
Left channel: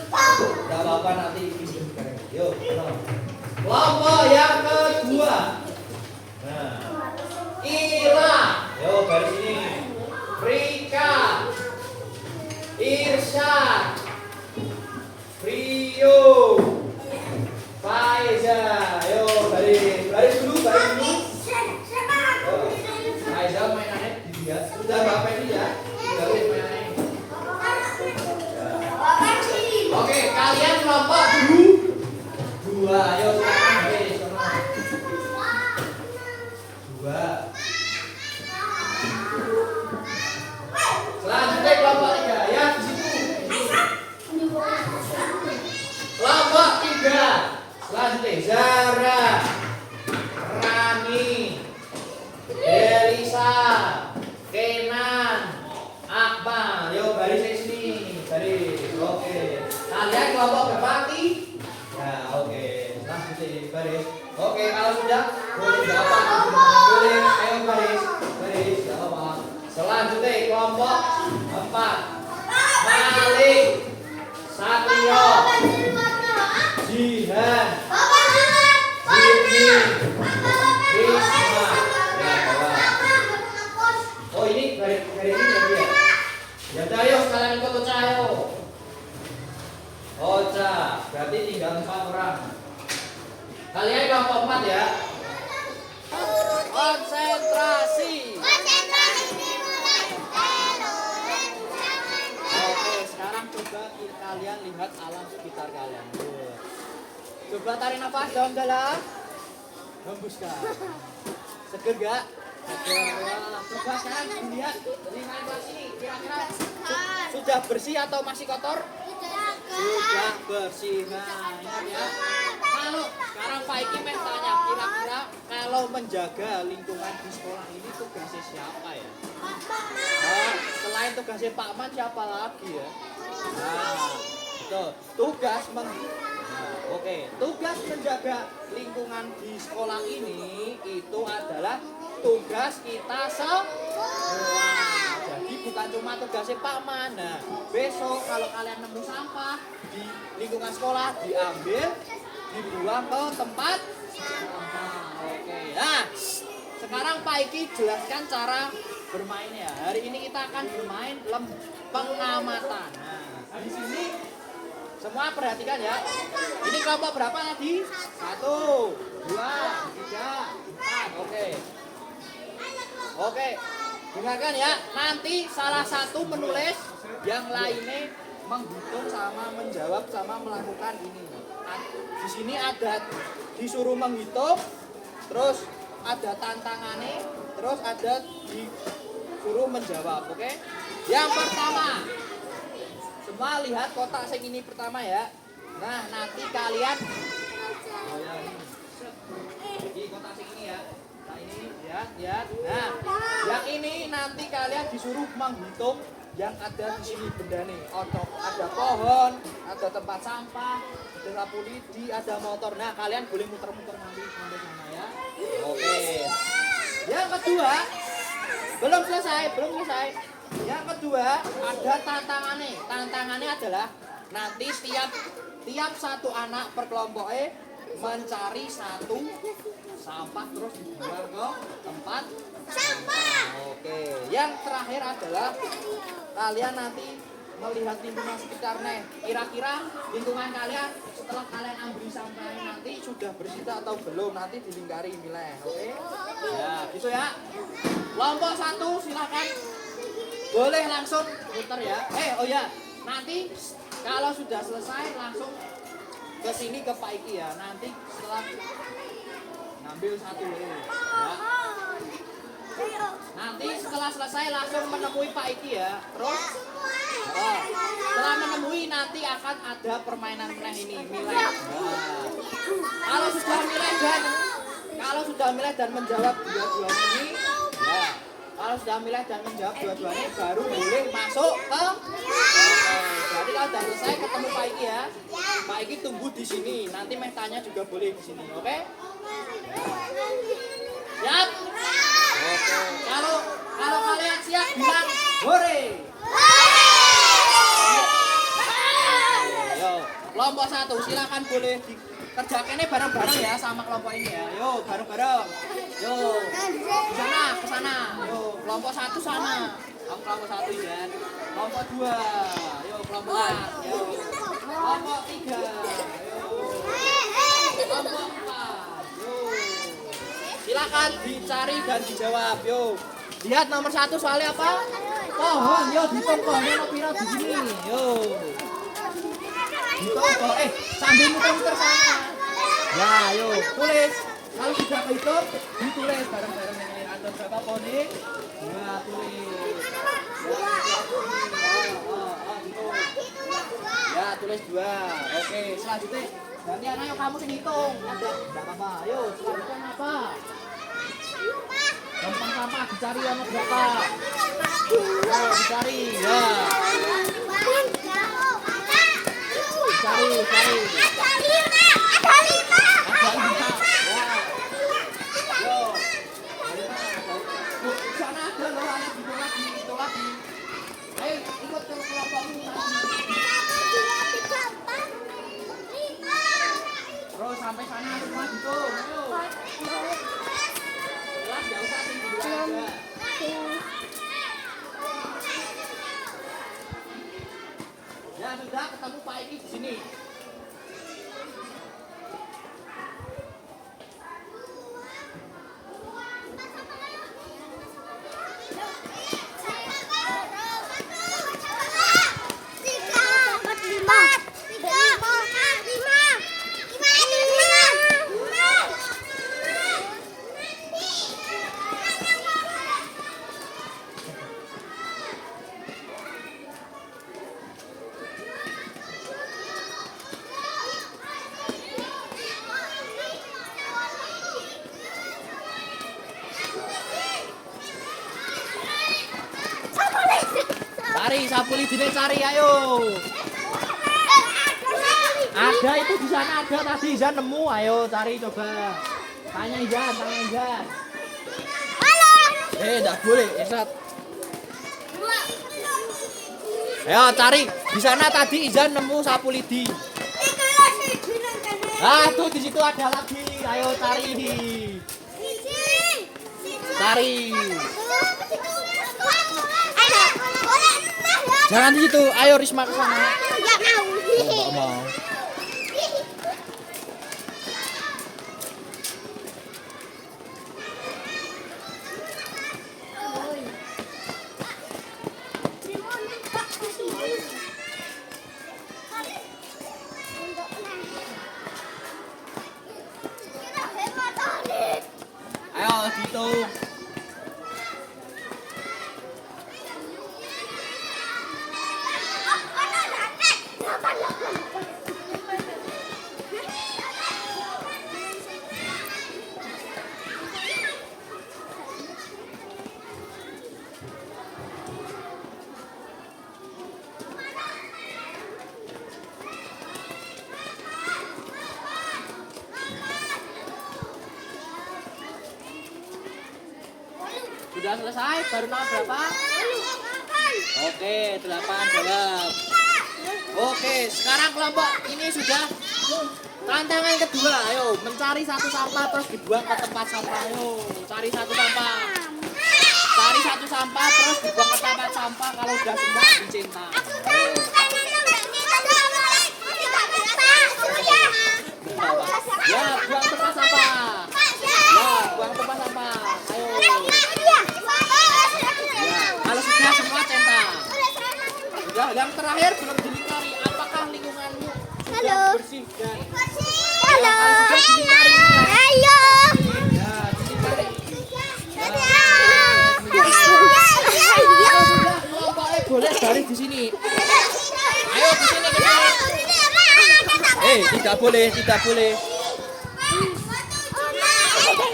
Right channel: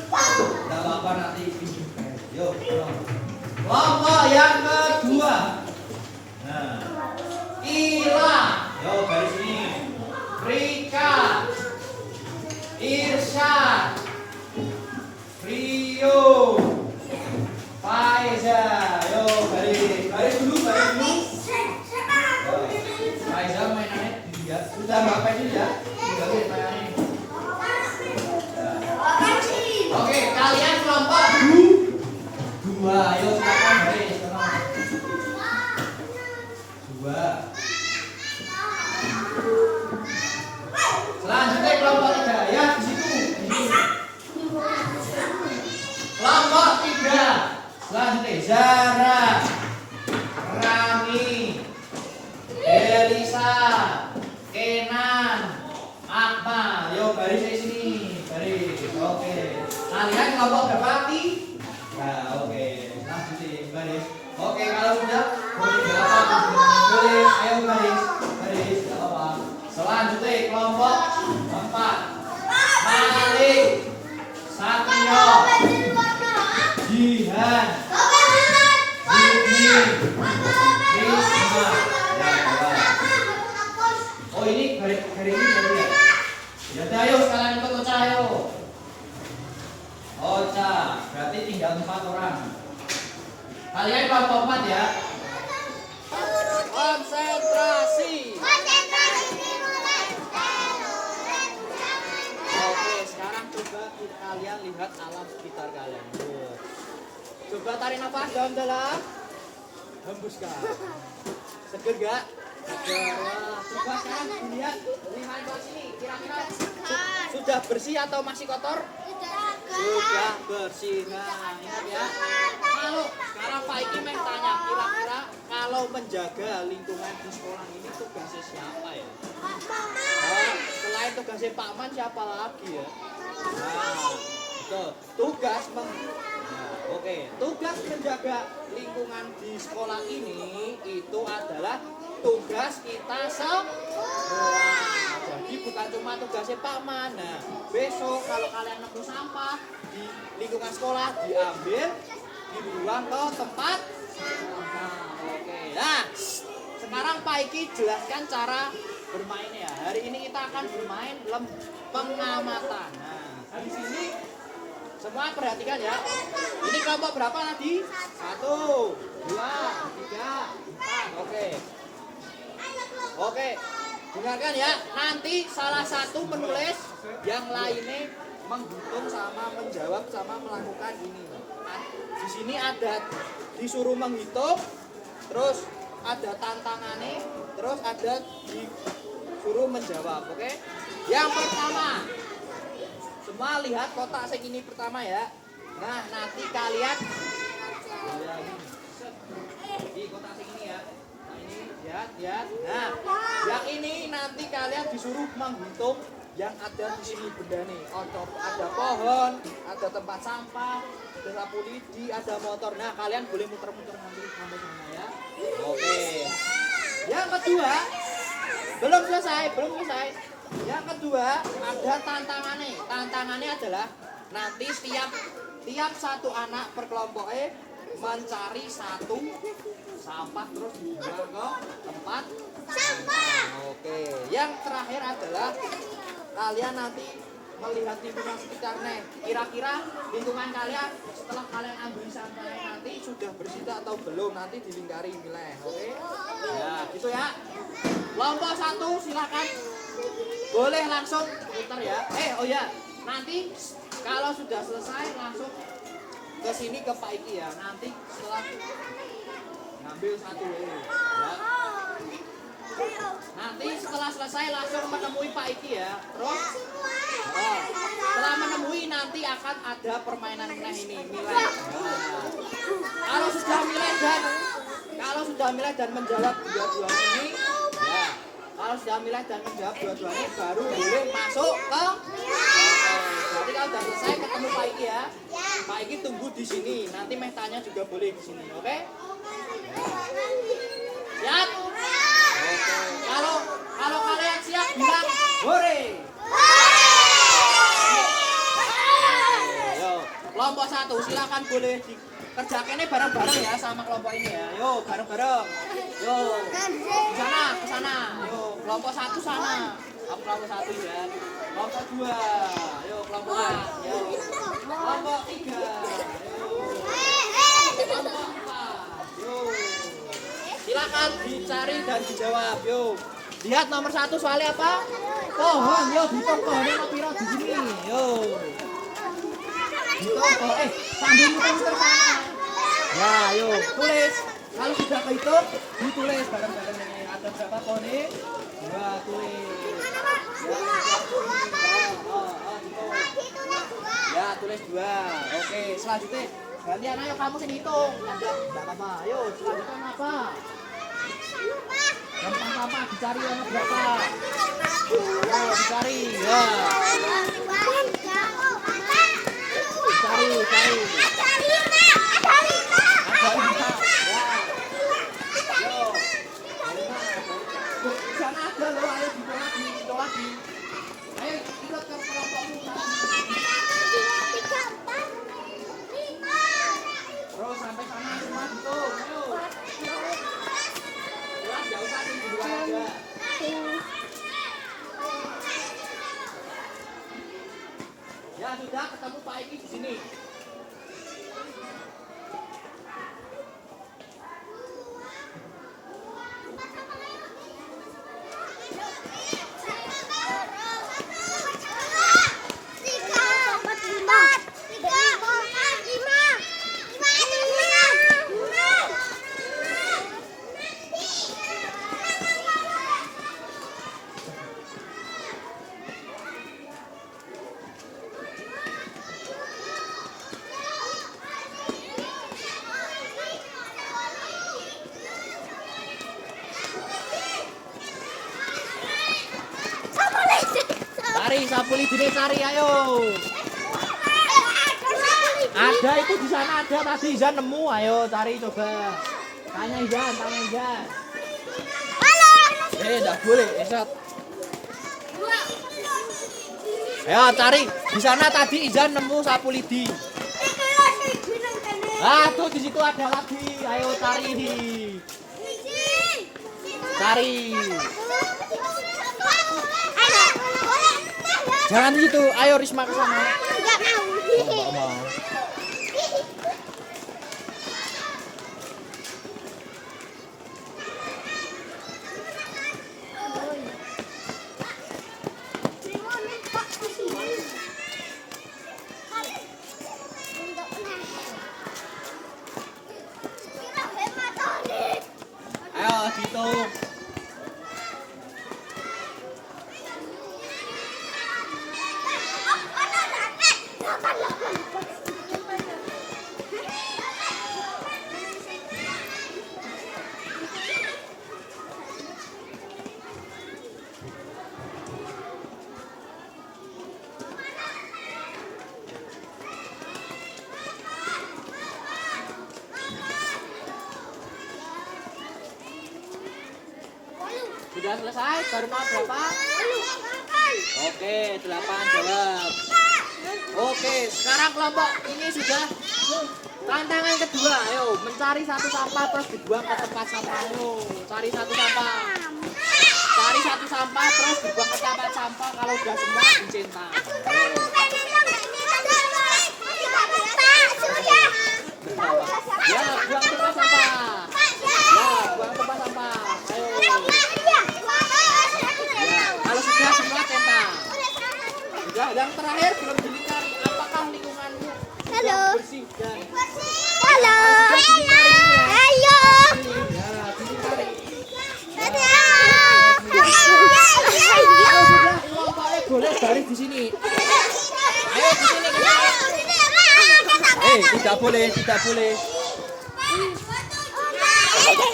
Enggak apa-apa nanti ditunjukkan. Yuk, kelompok yang kedua. Nah, Ira. Yo, garis ini. Rika. Irsyad. Rio. Faiza. Yo, garis dulu. Faiza mainannya dilihat. Sudah Mbak Faiza ya. Sudah lihat mainannya. Oke, kalian kelompok 2. Ayo silakan garis. Kalian kelompok berapa? Nah, oke. Lanjutin baris. Oke, kalau sudah boleh jawab. Boleh, ayo baris. Baris, jawab. Selanjutnya kelompok 4. Malik, Satrio, Jihan, Jimmy, Risma. Ya, bawa. Oh, ini garis ini berarti ya? Ya udah, ayo sekalian ikut Ocha, ayo. Ocha, berarti tinggal 4 orang. Kalian kelompok 4 ya. Konsentrasi. Oke, sekarang coba kalian lihat alam sekitar kalian. Coba tarik nafas dalam-dalam. Hembuskan. Seger gak? Seger ya. Coba sekarang dilihat lingkaran garis ini. Kira-kira sudah bersih atau masih kotor? Sudah bersih. Nah, ingat ya. Kalau sekarang Pak Iki tanya, kira-kira kalau menjaga lingkungan di sekolah ini tugasnya siapa ya? Nah, selain tugasnya Pak Man, siapa lagi ya? Nah, betul. Tugas menjaga lingkungan di sekolah ini itu adalah tugas kita semua. Jadi bukan cuma tugasnya Pak Man. Nah, besok kalau kalian nemu sampah di lingkungan sekolah, diambil, dibuang ke tempat sampah. Oke. Nah, sekarang Pak Iki jelaskan cara bermainnya. Hari ini kita akan bermain pengamatan. Nah, di sini semua perhatikan ya. Ini kelompok berapa tadi? 1, 2, 3, 4. Oke. Dengarkan ya. Nanti salah satu menulis, yang lainnya menghitung sama menjawab sama melakukan ini. Di sini ada disuruh menghitung, terus ada tantangannya, terus ada disuruh menjawab. Oke? Yang pertama, semua lihat kotak segini pertama ya. Nah, nanti kalian di kotak segini ya. Nah, ini lihat. Nah, yang ini nanti kalian disuruh menghitung yang ada di sini benda nih. Ada pohon, ada tempat sampah, ada sapu lidi, ada motor. Nah, kalian boleh muter-muter nanti sampai sana ya. Oke. Yang kedua, belum selesai. Yang kedua, ada tantangannya. Tantangannya adalah nanti tiap satu anak per kelompoknya mencari satu sampah terus dibuang ke tempat sampah. Oke. Yang terakhir adalah kalian nanti melihat lingkungan sekitarnya. Kira-kira lingkungan kalian setelah kalian ambil sampah nanti sudah bersih atau belum, nanti dilingkari nilai. Oke? Ya, itu ya. Kelompok 1 silakan. Boleh langsung putar ya. Oh ya, nanti kalau sudah selesai langsung ke sini ke Pak Iki ya. Nanti setelah ngambil satu ya. Nanti setelah selesai langsung menemui Pak Iki ya. Terus setelah menemui nanti akan ada permainan ini nilai. Kalau sudah milih dan menjawab dua-duanya ini ya. Kalau sudah milih dan menjawab dua-duanya baru boleh masuk ke. Jadi kalau sudah selesai ketemu Pak Iki ya. Pak Iki tunggu di sini. Nanti tanya juga boleh di sini, oke? Siap? Oke. Kalau kalian siap bilang hore. Yo, kelompok 1 silakan boleh kerjakannya bareng-bareng ya sama kelompok ini ya. Yo, bareng-bareng. Yo. Ke sana. Yo, kelompok 1 sana. Kelompok 1 ya. Kelompok 2. Yo, kelompok 4. Yo. Kelompok 3. Yo. Kelompok 4. Yo. Silakan dicari dan dijawab. Yo. Lihat nomor 1 soalnya apa? Pohon. Yo, hitung pohonnya mau pira di sini. Yo. Hitung pohon. Sambil muter-muter sana. Ya, ayo tulis. Kalau sudah kehitung, ditulis bareng-bareng ini. Ada berapa pohon ini? 2 tulis. Ya, tulis 2. Oke, selanjutnya gantian ayo kamu sini hitung. Enggak apa-apa. Ayo, selanjutnya apa? Gampang sampah dicari yang berapa? Ayo dicari. Ya. Cari. Ada 5. Ya. Yo. Di sana ada loh, ada gitu lagi. Ayo ikut ke kelompokmu tadi. 1, 2, 3, 4, 5. Terus sampai sana semua hitung. Ayo. Kelas enggak usah tim berdua aja. Ya sudah, ketemu Pak Eki di sini. Cari sapu lidine, cari ayo. Ada itu di sana ada tadi Izan nemu, ayo cari coba. Tanya Izan. Halo. Enggak boleh, Esat. Ayo cari di sana tadi Izan nemu sapu lidi. Ah tuh di situ ada lagi, ayo cari. Cari. Jangan di situ, ayo Risma ke sana. Enggak mau. Ayo hitung. Sudah selesai, baru mau berapa? Oke, 8 jawab. Oke, sekarang kelompok ini sudah tantangan kedua. Ayo, mencari satu sampah terus dibuang ke tempat sampah. Ayo, cari satu sampah. Cari satu sampah terus dibuang ke tempat sampah. Kalau sudah semua dicinta. Ya, buang tempat sampah. Ya, buang tempat sampah. Ayo. Kalau sudah semua centang. Sudah, yang terakhir belum dilingkari. Apakah lingkunganmu sudah bersih dan Halo. Ayo. Ya, dilingkari. Kalau sudah kelompoknya boleh dari di sini. Ayo di sini. Tidak boleh.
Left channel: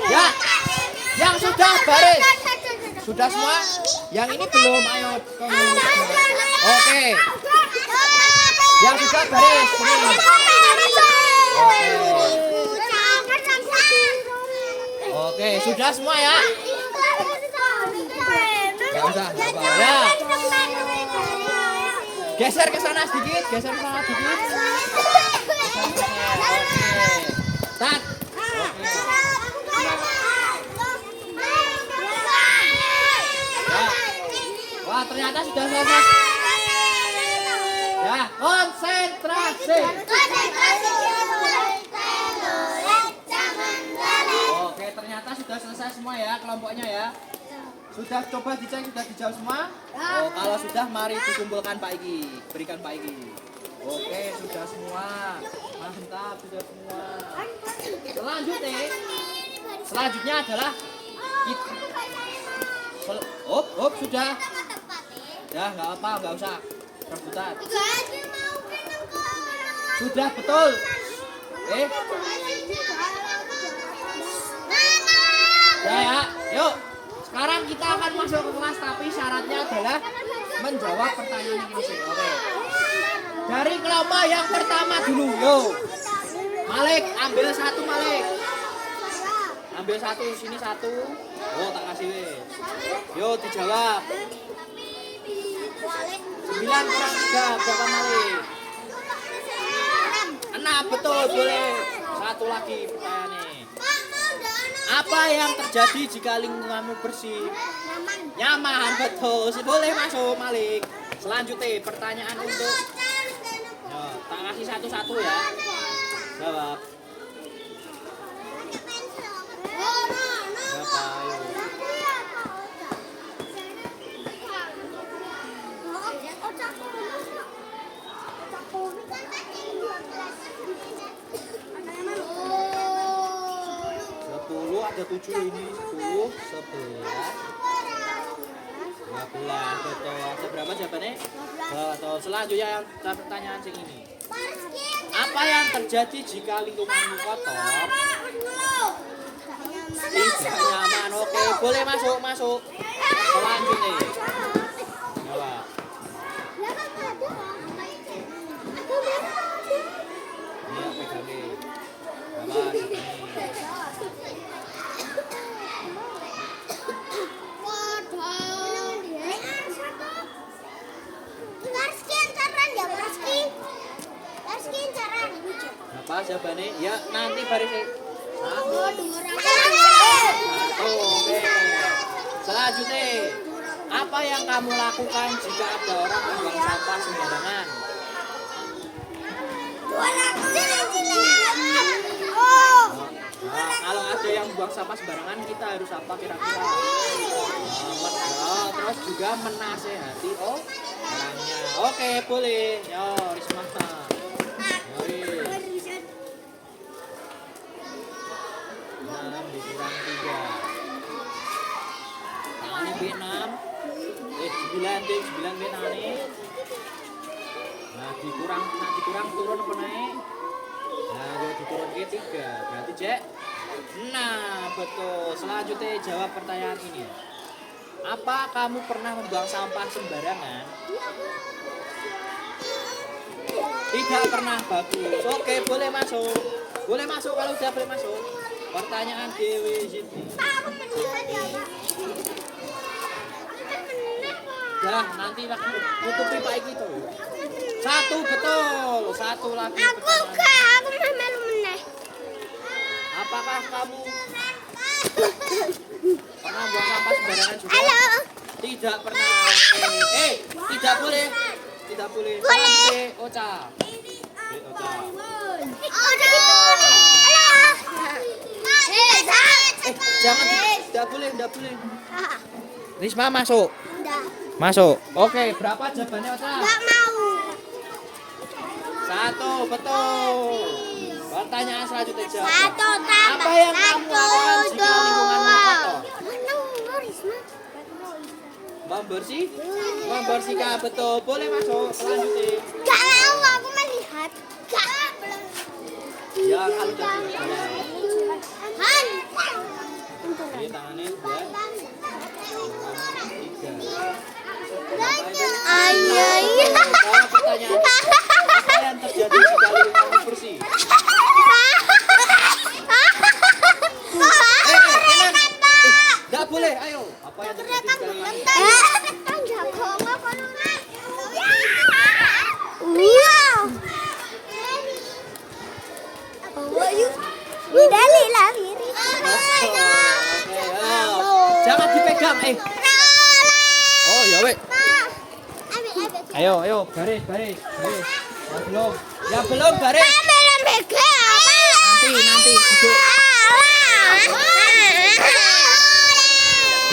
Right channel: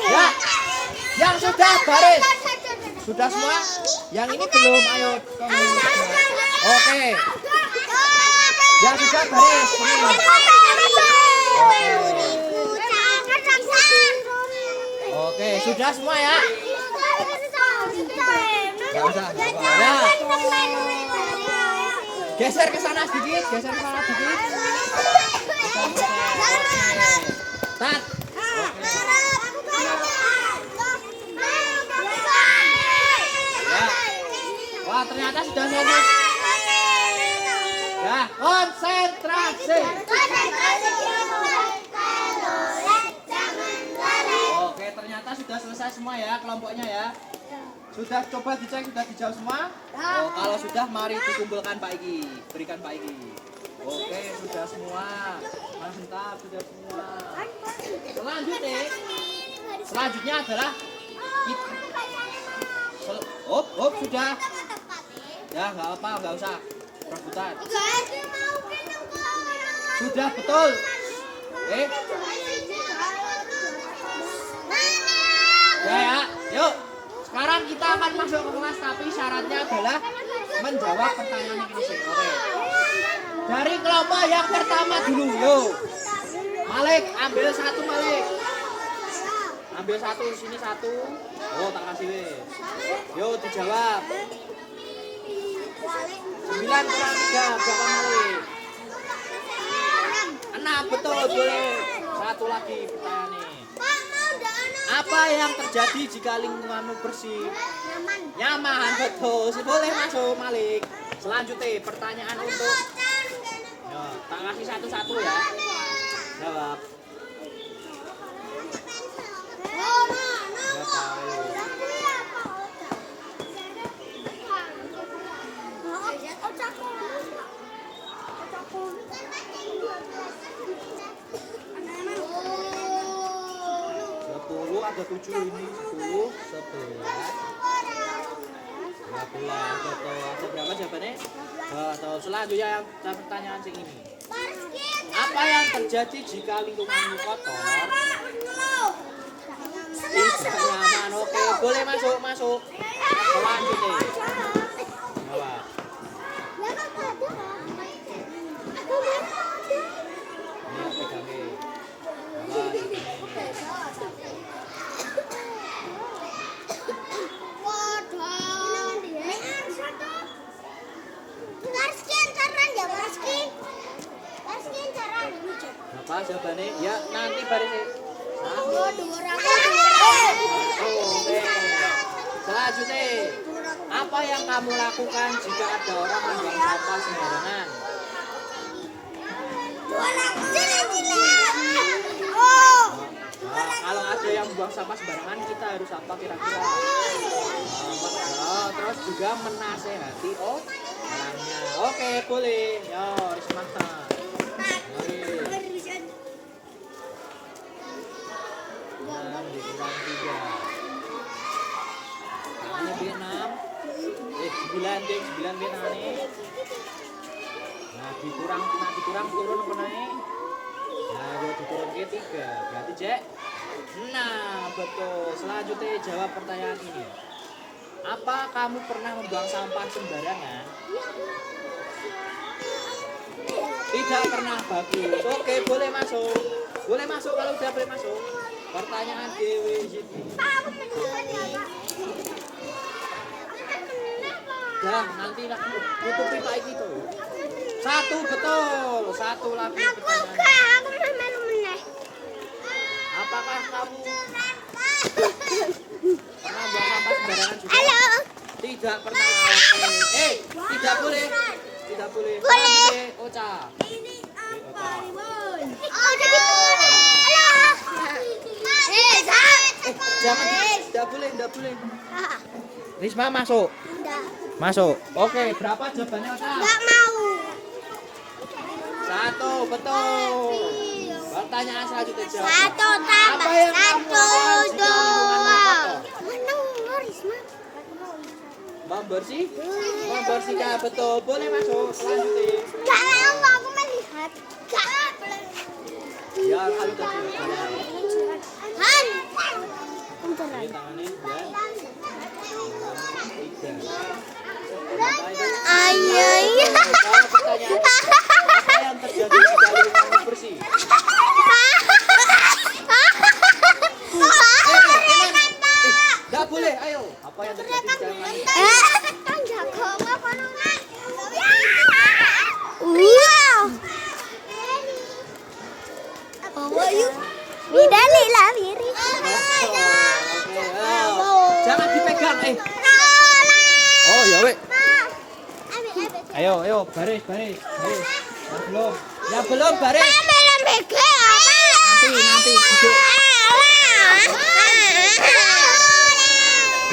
Ya, yang sudah baris. Sudah semua? Yang ini belum, ayo. Oke. Yang sudah baris, sini. Oke, sudah semua ya? Ya. Geser ke sana sedikit. Oke. Tat. Wah, ternyata sudah selesai. Ya, konsentrasi. Oke, ternyata sudah selesai semua ya kelompoknya ya. Sudah coba dicek, sudah dijawab semua? Oh, kalau sudah mari dikumpulkan Pak Iki, berikan Pak Iki. Oke, sudah semua. Mantap, sudah semua. Selanjutnya adalah sudah. Ya, nggak apa, nggak usah rebutan. Sudah betul. Ya, yuk. Sekarang kita akan masuk ke kelas, tapi syaratnya adalah menjawab pertanyaan yang masing. Oke. Dari kelompok yang pertama dulu, yo. Malik, ambil satu Malik. Ambil satu, sini satu. Oh, tak kasih weh. Yo, dijawab. 9 kurang 3, berapa Malik? 6, betul, boleh. Satu lagi pertanyaannya. Apa yang terjadi jika lingkunganmu bersih? Nyaman, betul. Boleh masuk Malik. Selanjutnya, pertanyaan untuk tak kasih satu-satu ya. Jawab. Ada 7 ini, 10, 11, 12, betul. Seberapa jawabannya? Betul. Selanjutnya yang pertanyaan sini. Apa yang terjadi jika lingkunganmu kotor? Tidak nyaman. Oke, boleh masuk. Selanjutnya. Jawab. Ini pegangin. Apa jawabannya? Ya, nanti baru selanjutnya, apa yang kamu lakukan jika ada orang membuang sampah sembarangan? Nah, kalau ada yang buang sampah sembarangan, kita harus apa kira-kira? Terus juga menasehati orangnya. Oke, boleh. Yo, Risma. Dikurang 3. Tangannya B6. 9 deh, 9 deh tangannya. Nah, dikurang turun apa naik? Nah, gue diturun ke 3. Berarti Jack. Nah, betul. Selanjutnya jawab pertanyaan ini. Apa kamu pernah membuang sampah sembarangan? Tidak pernah, bagus. Oke, boleh masuk. Boleh masuk kalau udah boleh masuk. Pertanyaan Dewi Siti. Dah, nanti tutup pipa itu. 1 betul. 1 lagi pertanyaan. Apakah kamu pernah buang sampah sembarangan juga? Tidak pernah. Tidak boleh. Tidak boleh. Boleh. Ocha. Jangan, tidak boleh. Risma masuk. Masuk. Oke, berapa jawabannya Ocha? Enggak mau. 1, betul. Pertanyaan selanjutnya jawab. 1 Apa yang kamu lakukan jika lingkunganmu kotor? Membersihkan, betul. Boleh masuk. Selanjutnya. Enggak mau, aku melihat. Ya, kalau udah ini tangannya 2, 3. Apa yang terjadi jika lingkunganmu bersih? Enggak boleh, ayo. Apa yang terjadi jika jangan dipegang, Oh, ya weh. Ayo, baris. Ya belum baris. Nanti.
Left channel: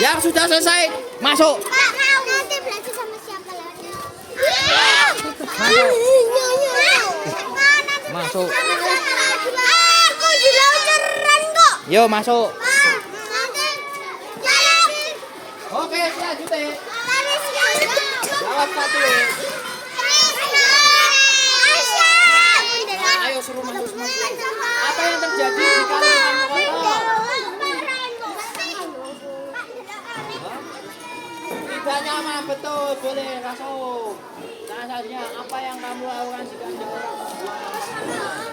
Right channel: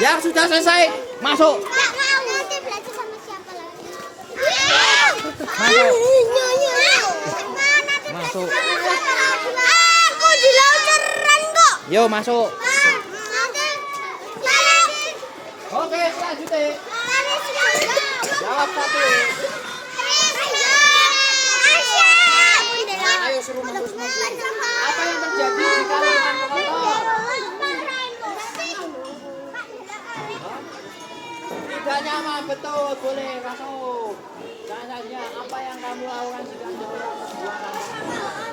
Yang sudah selesai, masuk. Masuk. Aku di laut keren kok. Yo, masuk. Nanti. Oke, selanjutnya. Jawab 1. Ayo suruh masuk. Apa yang terjadi jika lingkungan kotor? Tidak nyaman, betul. Boleh masuk. Selanjutnya, Apa yang kamu lakukan jika ada orang membuang sampah sembarangan?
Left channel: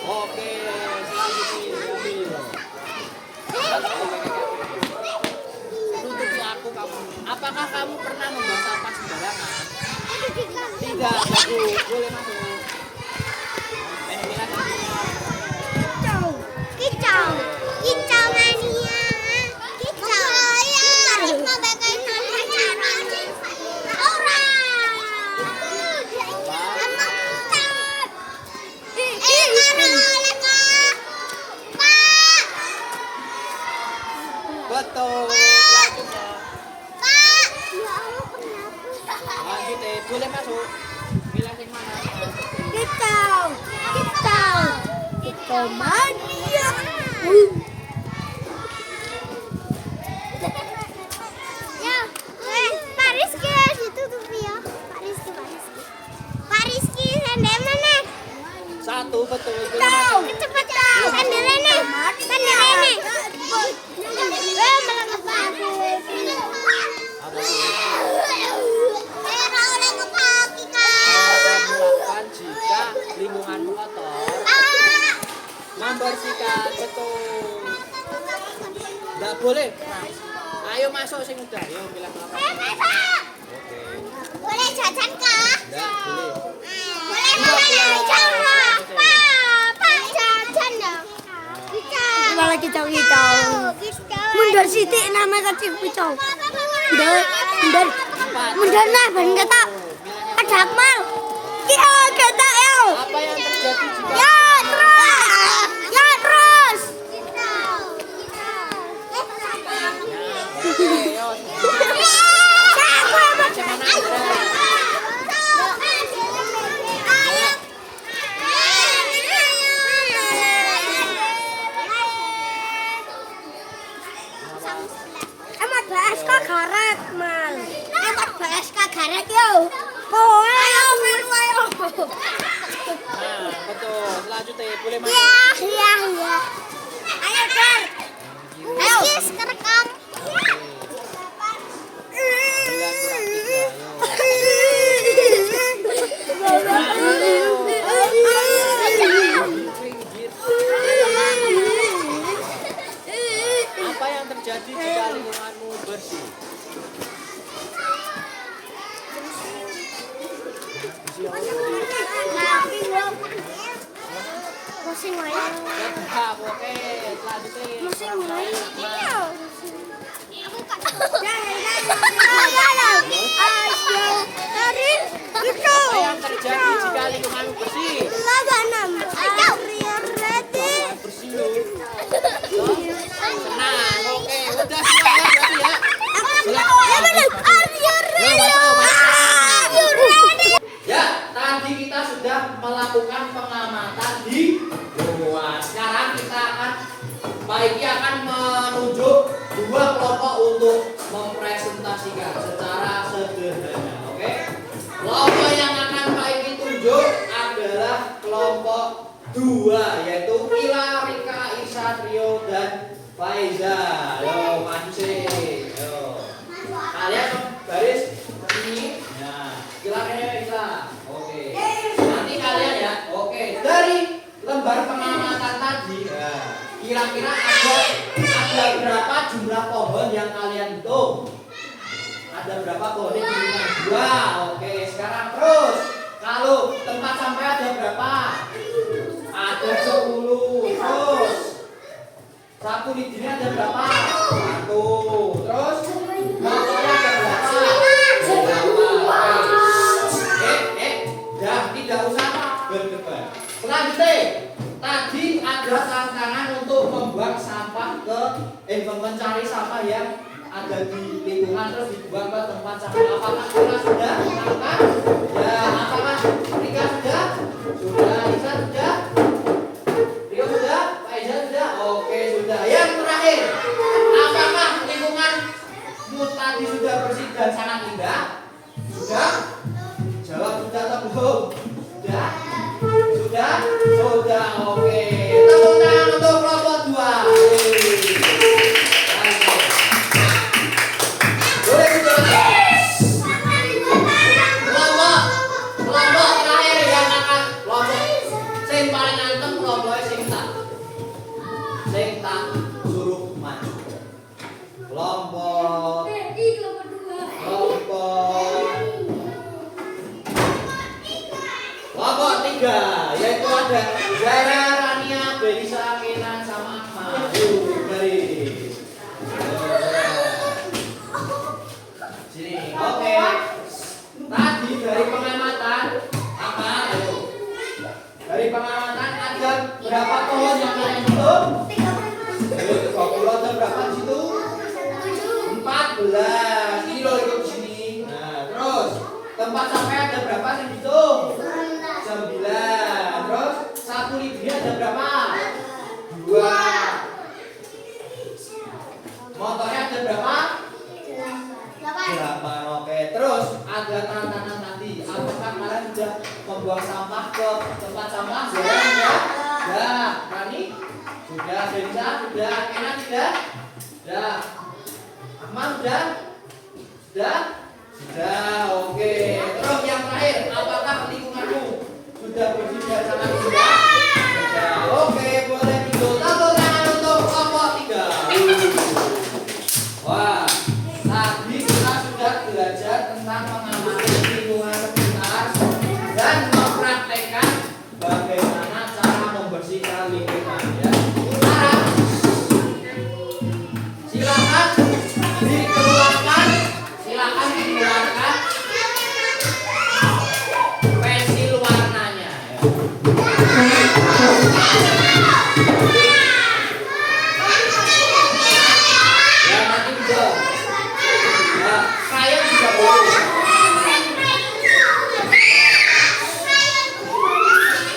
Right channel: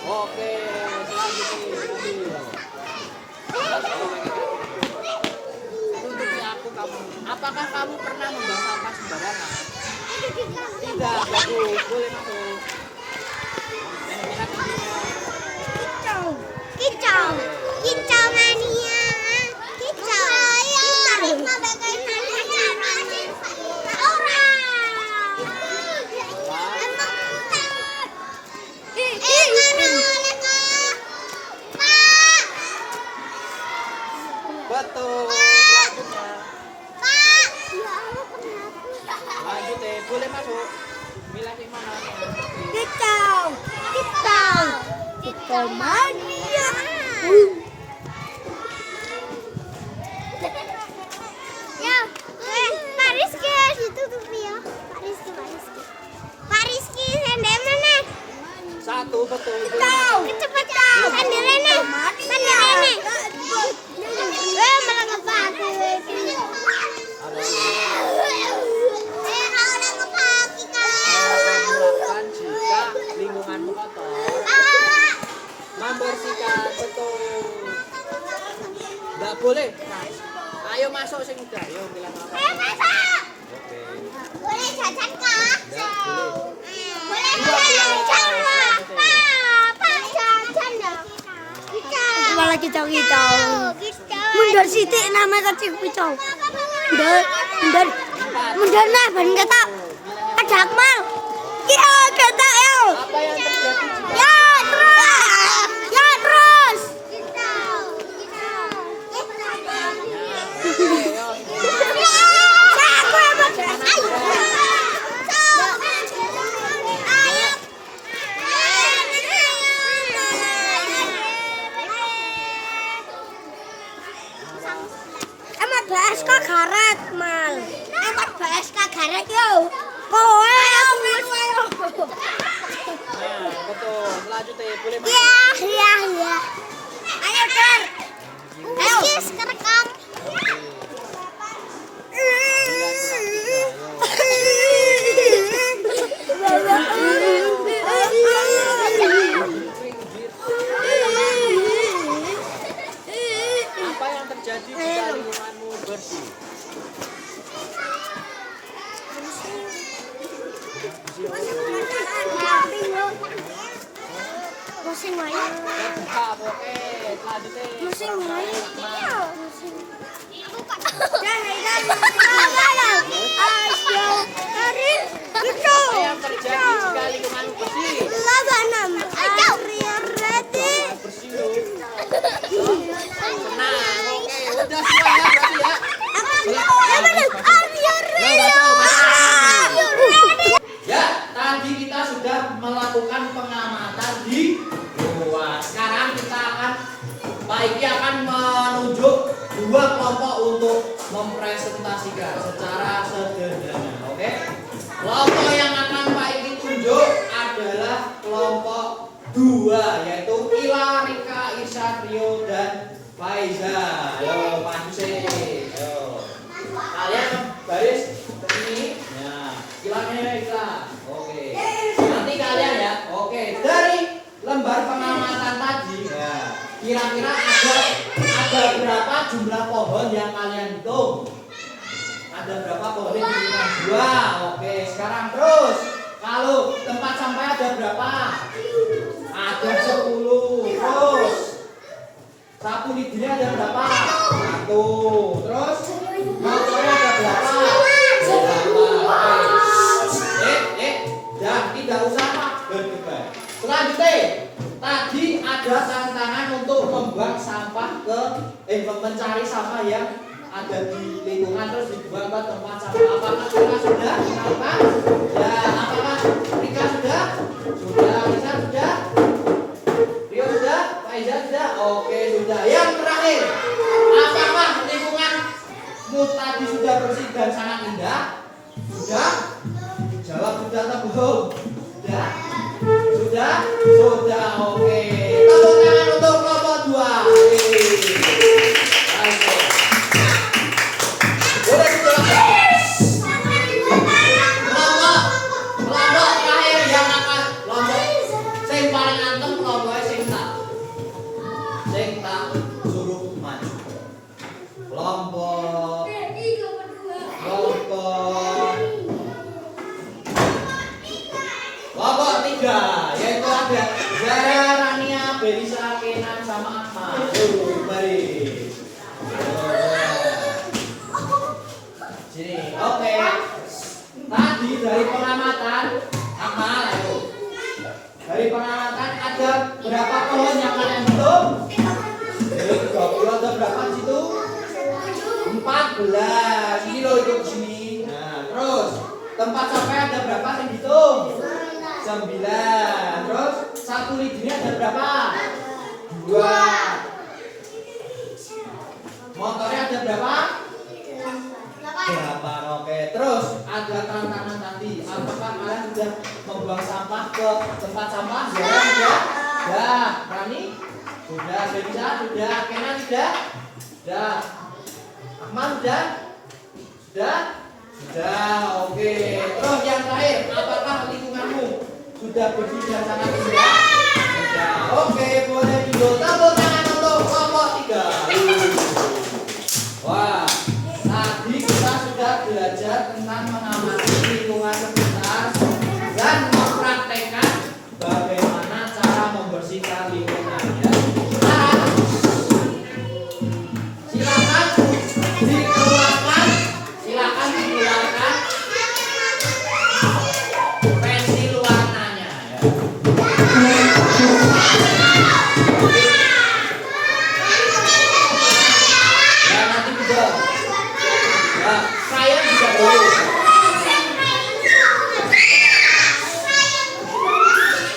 Oke, sini ambil. Nutupi aku kamu. Apakah kamu pernah membuang sampah sembarangan? Tidak, bagus. Boleh masuk. Kicau, kicau, kicau mania, kicau, Betul. Lanjut deh, boleh masuk. Milih yang mana? kicau, kicau, kicau mania. Ya, Pak Rizky harus ditutup ya. Pak Rizky. Pak Rizky, sendal mana? Satu, betul. Kicau, kecepatan. Sendal ini. Malah kepadu. Melakukan jika lingkunganmu kotor, membersihkan, betul. Nggak boleh. Ayo masuk sing udah, ayo bilang apa? Oke. Boleh jajan kah? Nggak boleh. Boleh jajan lah. Pak jajan dong. Kicau. Malah kicau. Mundur sitik namanya kecil kicau. Mundur nah ben kata. Ada Akmal. Kia kata yo. Apa yang terjadi jika Ya terus. Emat BSK garet, Mal. Emat BSK garet yo. Ayo. Nah, betul. Selanjutnya boleh masuk. Iya. Ayo, Cer. Ayo. Kis kerekam. Bilang apa yang terjadi jika lingkunganmu bersih? Musim wayang. Tetap, oke. Selanjutnya. Musim wayang. Apa yang terjadi jika lingkunganmu bersih? Bersih loh. Tenang, oke. Udah semuanya berarti ya. Ya, tadi kita sudah melakukan pengamatan di luar. Sekarang kita akan Pak Iki akan menunjuk dua kelompok untuk mempresentasikan secara sederhana, oke? Kelompok yang akan Pak Iki tunjuk adalah kelompok 2, yaitu Ila, Rika, Isa, Trio, dan Faiza. Ayo maju sih, ayo. Kalian baris ke sini. Nah, Ila. Oke. Nanti kalian ya. Oke, dari lembar pengamatan tadi, nah, kira-kira ada berapa jumlah pohon yang kalian hitung? Ada berapa pohon yang dihitung? 2. Oke, sekarang terus. Kalau tempat sampah ada berapa? Ada 10. Terus sapu lidinya ada berapa? 1. Terus motornya ada berapa? Tidak usah berdebat. Selanjutnya, tadi ada tantangan untuk membuang sampah mencari sampah yang ada di lingkungan terus dibuang ke tempat sampah. Apakah kita sudah melakukan? Ya, apakah Rika sudah? Sudah, Isa sudah? Rio sudah? Faiza sudah? Oke, sudah. Yang terakhir, apakah lingkunganmu tadi sudah bersih dan sangat indah? Sudah? Jawab sudah atau belum? Sudah? Oke. Tepuk tangan untuk kelompok 2. Boleh duduk lagi. Selisa, Kenan, sama Akmal. Baris. Sini. Oke. Tadi dari pengamatan Akmal, ayo. Dari pengamatan ada berapa pohon yang kalian hitung? 20. Ada berapa di situ? 14. Ini loh ikut sini. Nah, terus tempat sampai ada berapa yang dihitung? 9. Terus satu lidinya ada berapa? 2. Motornya ada berapa? 8. Oke. Terus ada tantangan tadi. Apakah kalian sudah membuang sampah ke tempat sampah? Ya. Sudah. Rani? Sudah. Selisa? Sudah. Kenan? Sudah. Sudah. Akmal? Sudah. Sudah. Sudah. Oke. Terus yang terakhir, apakah lingkunganmu sudah bersih dan sangat indah? Sudah. Oke. Boleh tepuk tangan untuk kelompok 3. Wah. Tadi kita sudah belajar tentang mengamati lingkungan sekitar dan mempraktekkan bagaimana cara membersihkan lingkungan. Ya. Sekarang silakan dikeluarkan pensil warnanya. Ya nanti juga. Nah, kalian bisa boleh.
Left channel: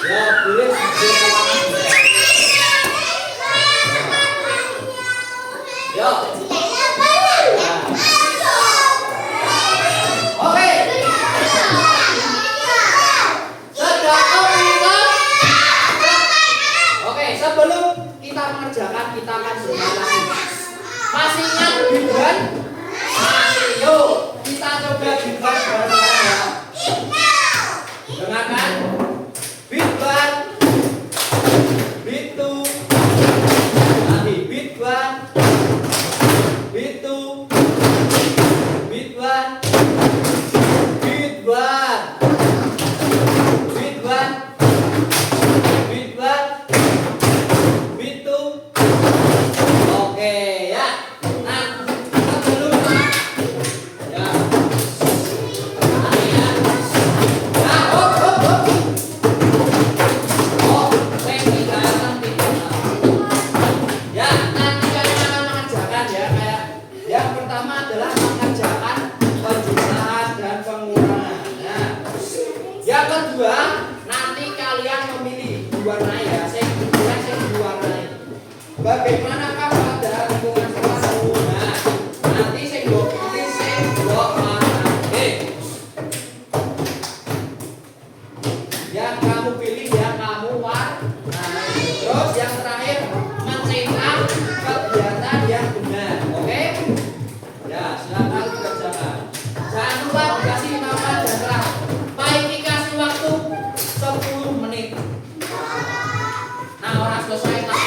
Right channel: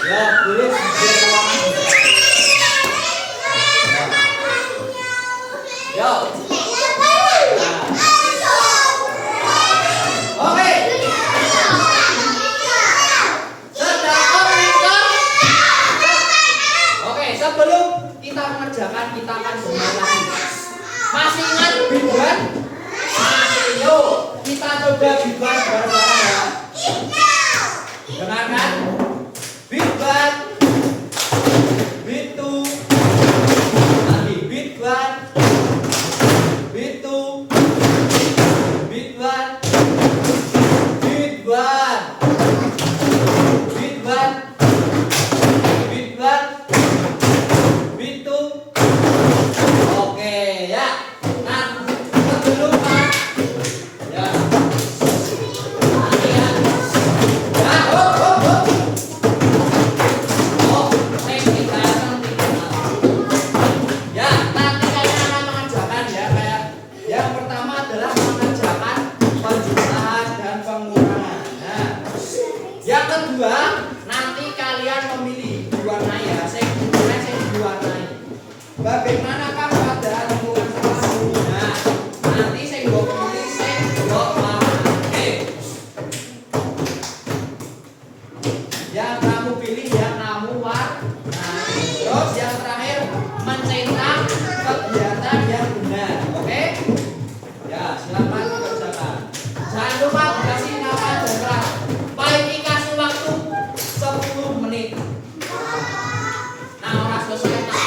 Ya boleh juga warna juga. Ya. Oke. Sudah komputer. Oke, sebelum kita mengerjakan kita akan bermain. Masih ingat biduan? Masih. Yuk, kita coba biduan bareng-bareng ya. Dengarkan. Biduan. Bitu. Lagi biduan. Bitu. Biduan. Biduan. Biduan. Biduan. Bitu. Oke ya. Nah, sebelum ya. Kalian. Nah, hop. Oh, ya, nanti kalian akan mengerjakan ya kayak yang pertama adalah mengerjakan penjumlahan dan pengurangan. Nah, yang kedua nanti kalian memilih diwarnai ya, saya diwarnai. Bagaimanakah pada lingkungan sekolahmu? Nah, nanti saya pilih saya warna. Yang kamu pilih ya kamu warnai. Terus yang terakhir mencetak kegiatan yang benar. Oke? Ya, silakan dikerjakan. Jangan lupa dikasih nama dan kelas. Paling dikasih waktu 10 menit. Nah, orang selesai tak?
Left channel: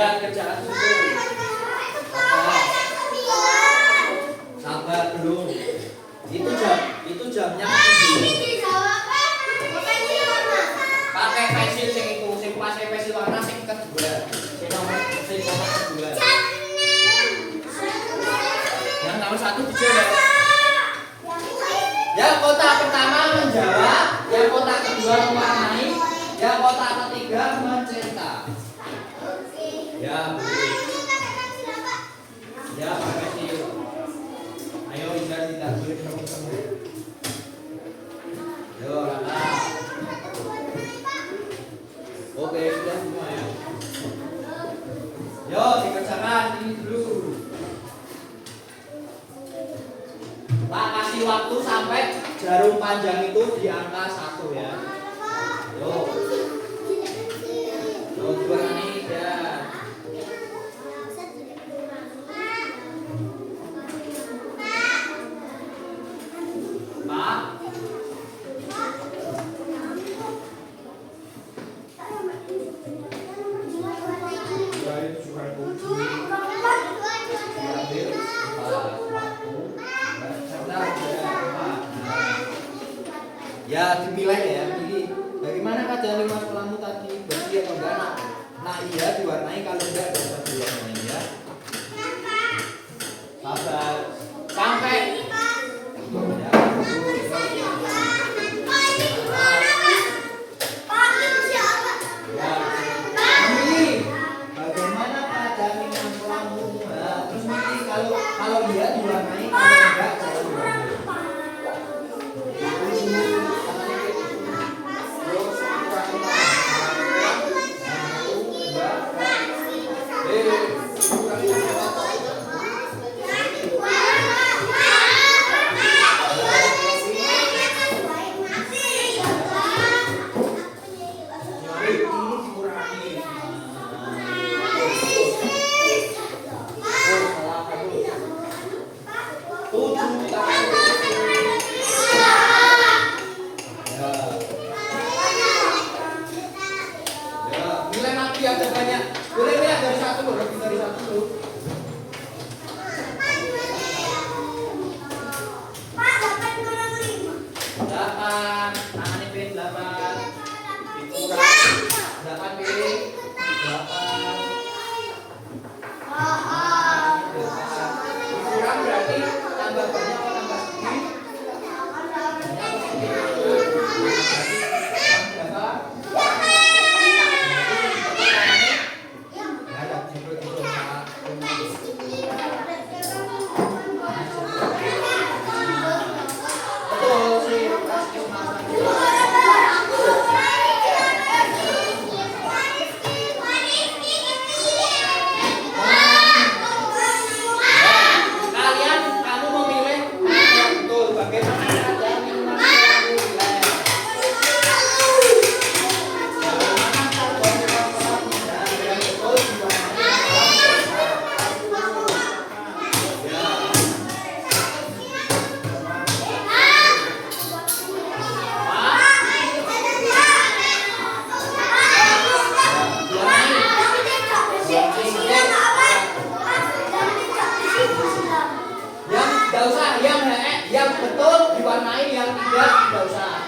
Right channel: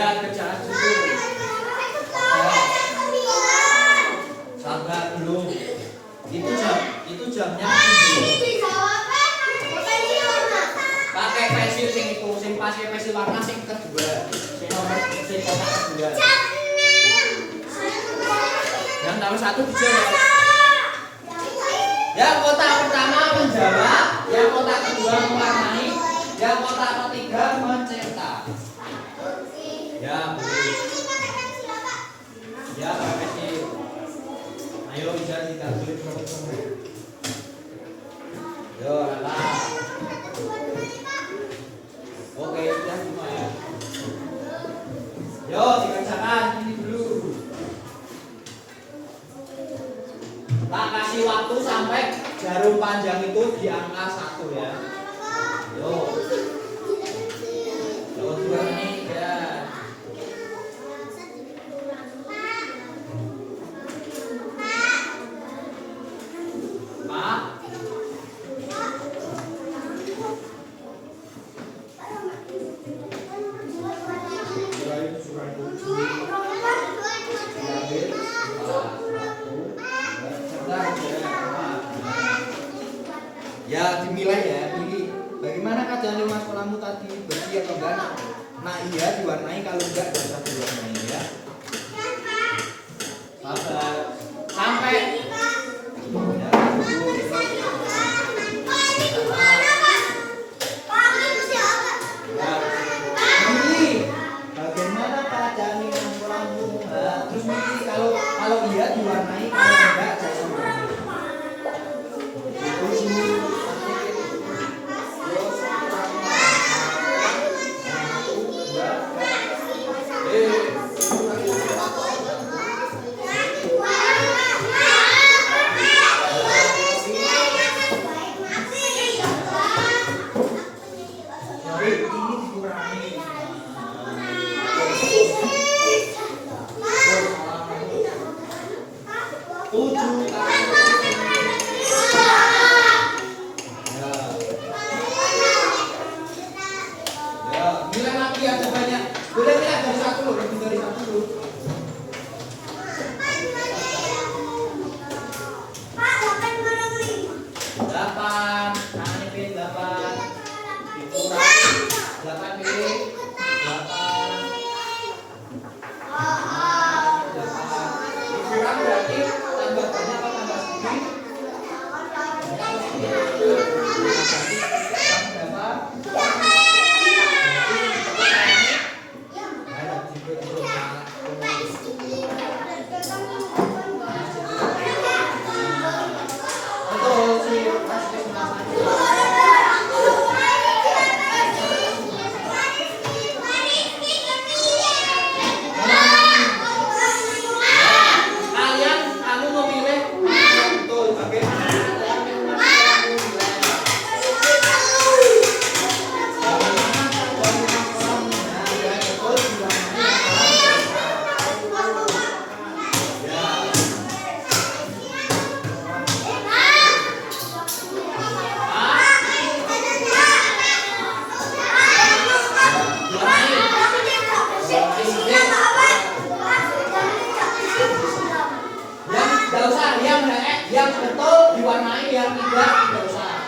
Ya, kerjaan dulu. Sabar dulu. Itu jamnya pakai pensil sing itu, sing pakai pensil warna sing kedua. Sing nomor sing kotak kedua. Yang nomor 1 dijawab. Yang kotak pertama menjawab, yang kotak kedua mewarnai, yang kotak ketiga mencetak. Ya, boleh. Ya, pakai pensil. Ayo jangan dilanjut kamu. Yo, Lala. Oke, sudah semua ya. Yo, dikerjakan ini dulu. Tak kasih waktu sampai jarum panjang itu di angka 1 ya. Yo. dimilai ya, pilih. Bagaimana keadaan lima sekolamu tadi, bersih atau enggak? Nah iya diwarnai, kalau enggak nggak usah diwarnai ya. Sabar. Sampai. Ya, bagaimana keadaan lima sekolamu? Terus nanti kalau iya diwarnai, kalau enggak jangan diwarnai. Nilai mati ada banyak. Boleh lihat dari satu loh, lebih dari satu loh. Delapan, tangan ini 8. Dikurang 8 pilih 8. Dikurang berarti tambah banyak atau tambah sedikit? Berapa? Yang betul diwarnai, yang tidak usah.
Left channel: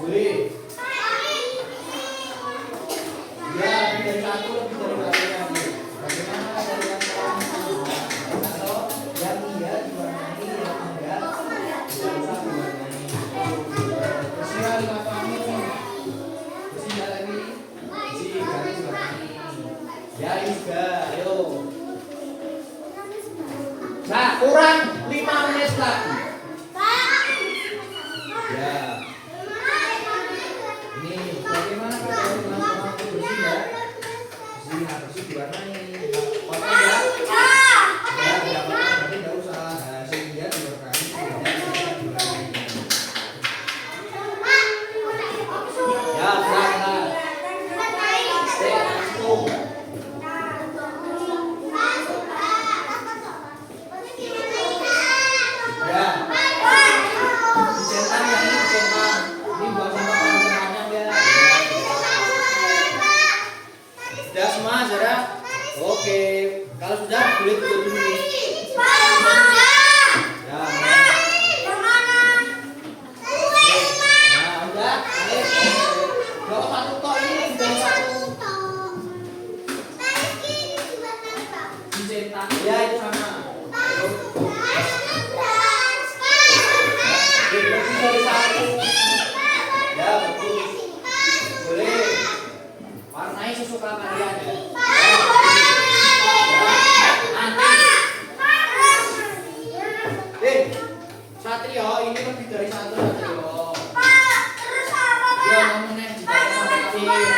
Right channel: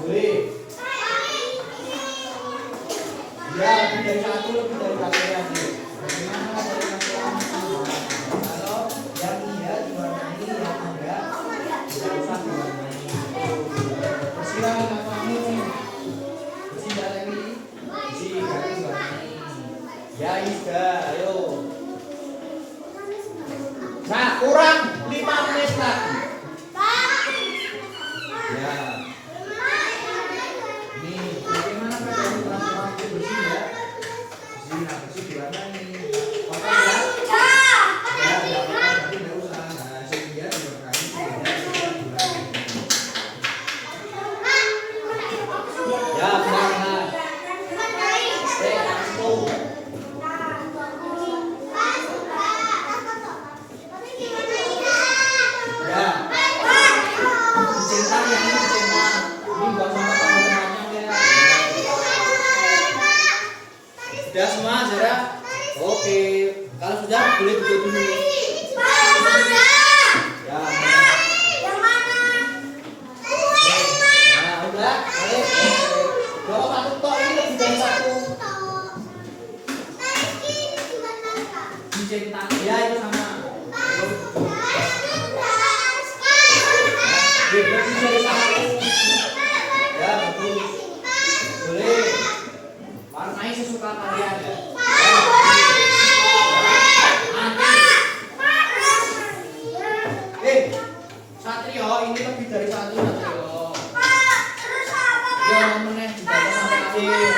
Boleh. Ya, lebih dari satu lagi. Bagaimana dari yang kalau yang iya diwarnai, yang enggak tidak usah diwarnai. Persiapan 5 kamu. Bersih lagi. Ya Isda, ayo. Nah, kurang 5 menit lagi. Ya. Nih, bagaimana keadaan teman-teman bersih ya? Bersih diwarnai. Kotor ya? Ya, tapi nggak usah. Nah, sehingga diwarnai. Ya, pelan-pelan. Sudah semua, Zara? Oke. Kalau sudah, boleh duduk dulu. Ya. Nah, udah. Ayo. Jawab satu toh, ini lebih dari satu. Dicetak. Ya, itu sama. Lebih dari satu. Ya, bagus. Boleh. Warnai sesuka kalian ya. Satrio, ini lebih dari satu Satrio. Ya, meneh dibaca sampai akhir.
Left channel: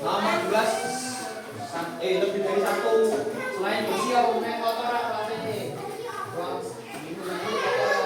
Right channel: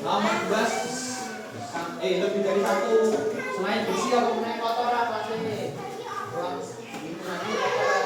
Nomor 12. Lebih dari satu. Selain bersih aku main kotor apa sih? Itu nanti kotor.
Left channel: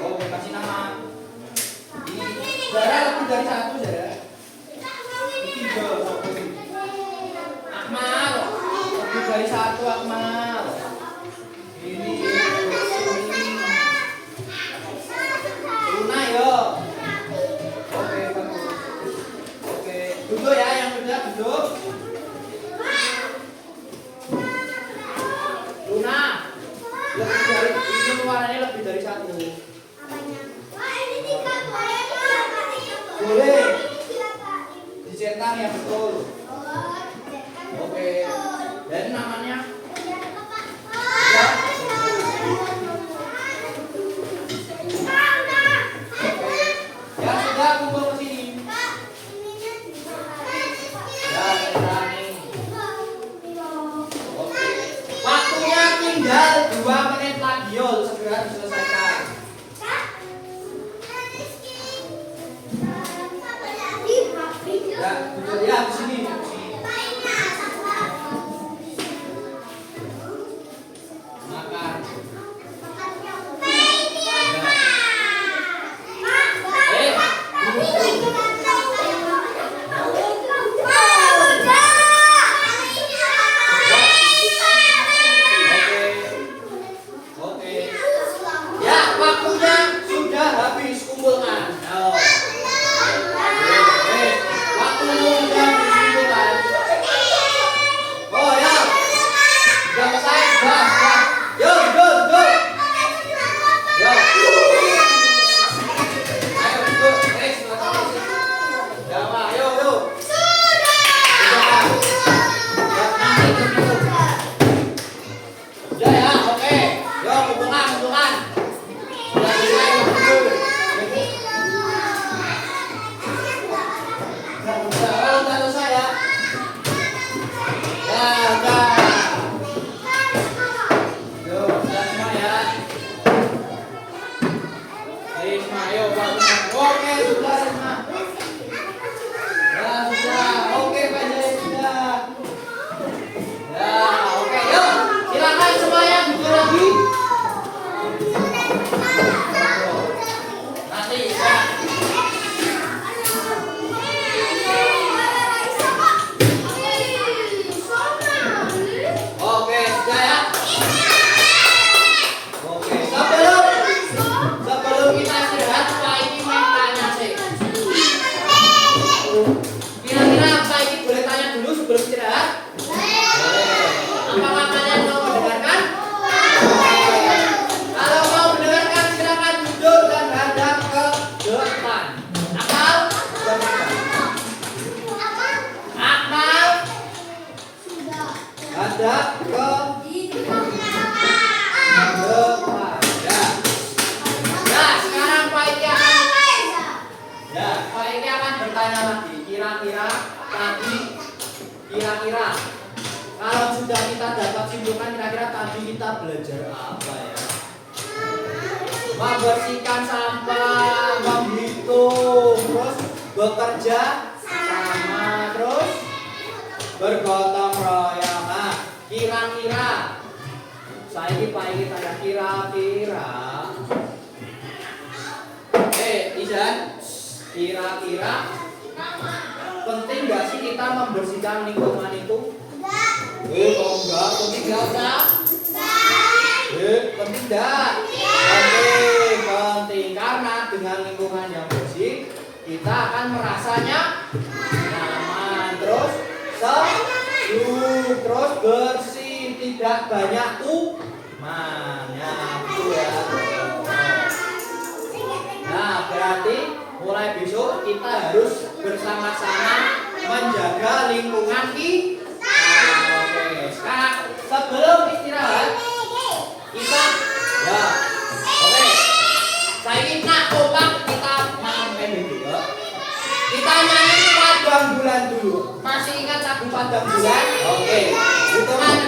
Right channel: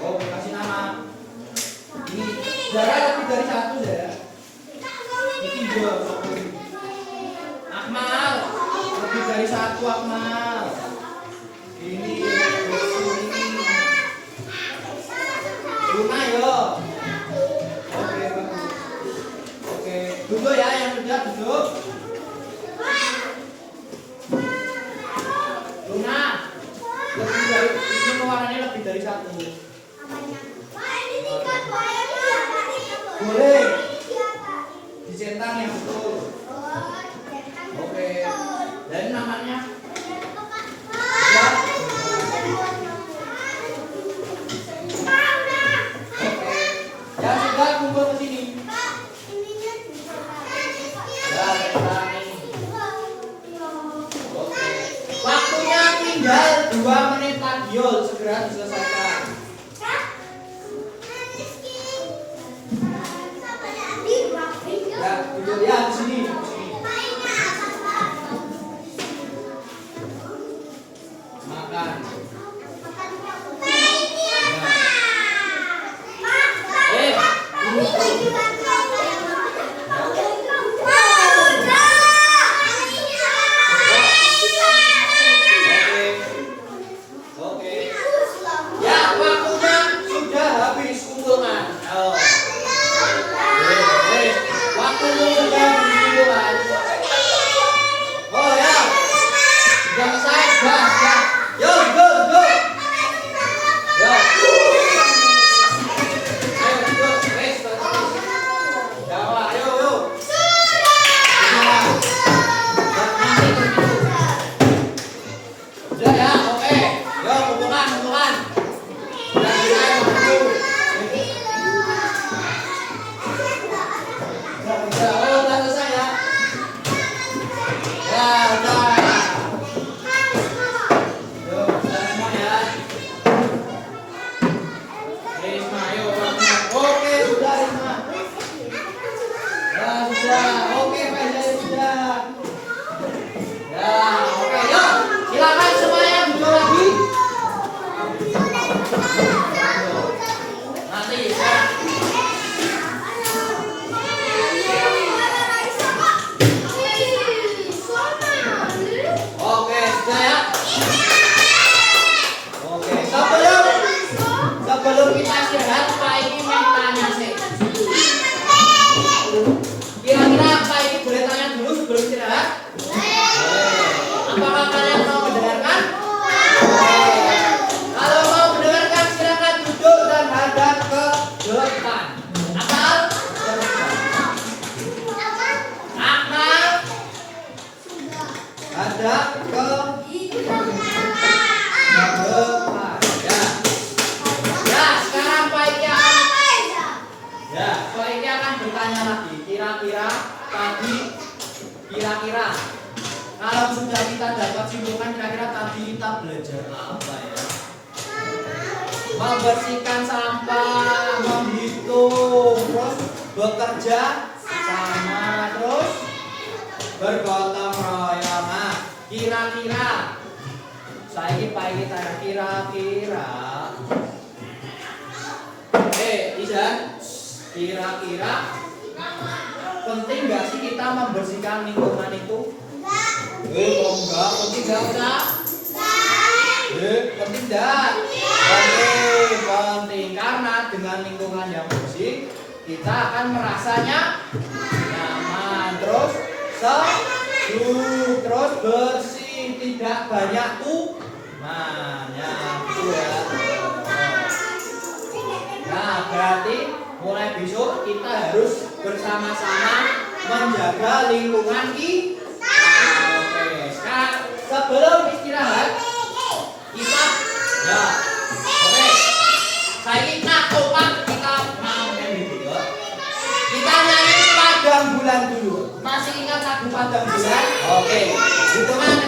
Oke, kasih nama. Ini Zara lebih dari satu, Zara. Ini Jo. Akmal, lebih dari satu Akmal. Ini Luna yo. Oke, bagus. Oke, duduk ya yang sudah duduk. Luna, lebih dari ini warnanya lebih dari satu. Boleh dicentang yang betul. Oke, dan namanya ya. Oke, ya sudah kumpul ke sini. Ya, centang. Oke, waktunya tinggal 2 menit lagi, yo, segera diselesaikan. Ya, duduk ya di sini. Makan. Oke. Ya, waktunya sudah habis kumpulkan. Oh. Waktumu sudah kumpulkan. Oh ya. Sudah selesai, sudah. Yo, go. Yo. Ayo, go. Wes, sudah. Ayo. Sudah ya, oke. Yo, kumpulkan. Sudah selesai, kumpul. Udah selesai ya. Ya, udah. Yo, udah semua ya. Risma, ayo bangun. Oke, sudah Risma. Ya, sudah. Oke, Pak, sudah. Ya, oke. Yuk, silakan semuanya duduk lagi. Nanti ya. Oke, sudah ya. Oke, sebelum kita istirahat, Pak ini mau tanya sih. Kira-kira Pak ini boleh tanya dulu sebelum istirahat? Apakah kalian mau mendengarkan? Kalau mau mendengarkan silakan duduk dan hadap ke depan. Akmal, hadap ke depan. Ya, sekarang Pak Iki akan bertanya lagi. Kira-kira kalau sudah kita dapat simpulkan, kira-kira tadi kita belajar apa ya? Membersihkan sampah, menghitung, terus bekerja sama, terus bergotong royong. Nah, kira-kira saya ini Pak Iki tanya, kira-kira Izan, kira-kira penting gak sih kita membersihkan lingkungan itu? Kok enggak? Penting gak usah? Penting gak? Penting karena dengan lingkungan yang bersih kita akan merasanya nyaman, terus sejuk, terus bersih, tidak banyak kumannya, gitu ya. Nah, berarti mulai besok kita harus bersama-sama menjaga lingkungan kita. Oke, sekarang sebelum istirahat kita ya. Oke. Saya ini topak kita mau video. Kita nyanyi Padang Bulan dulu. Masih ingat lagu Padang Bulan? Oke. Hitungan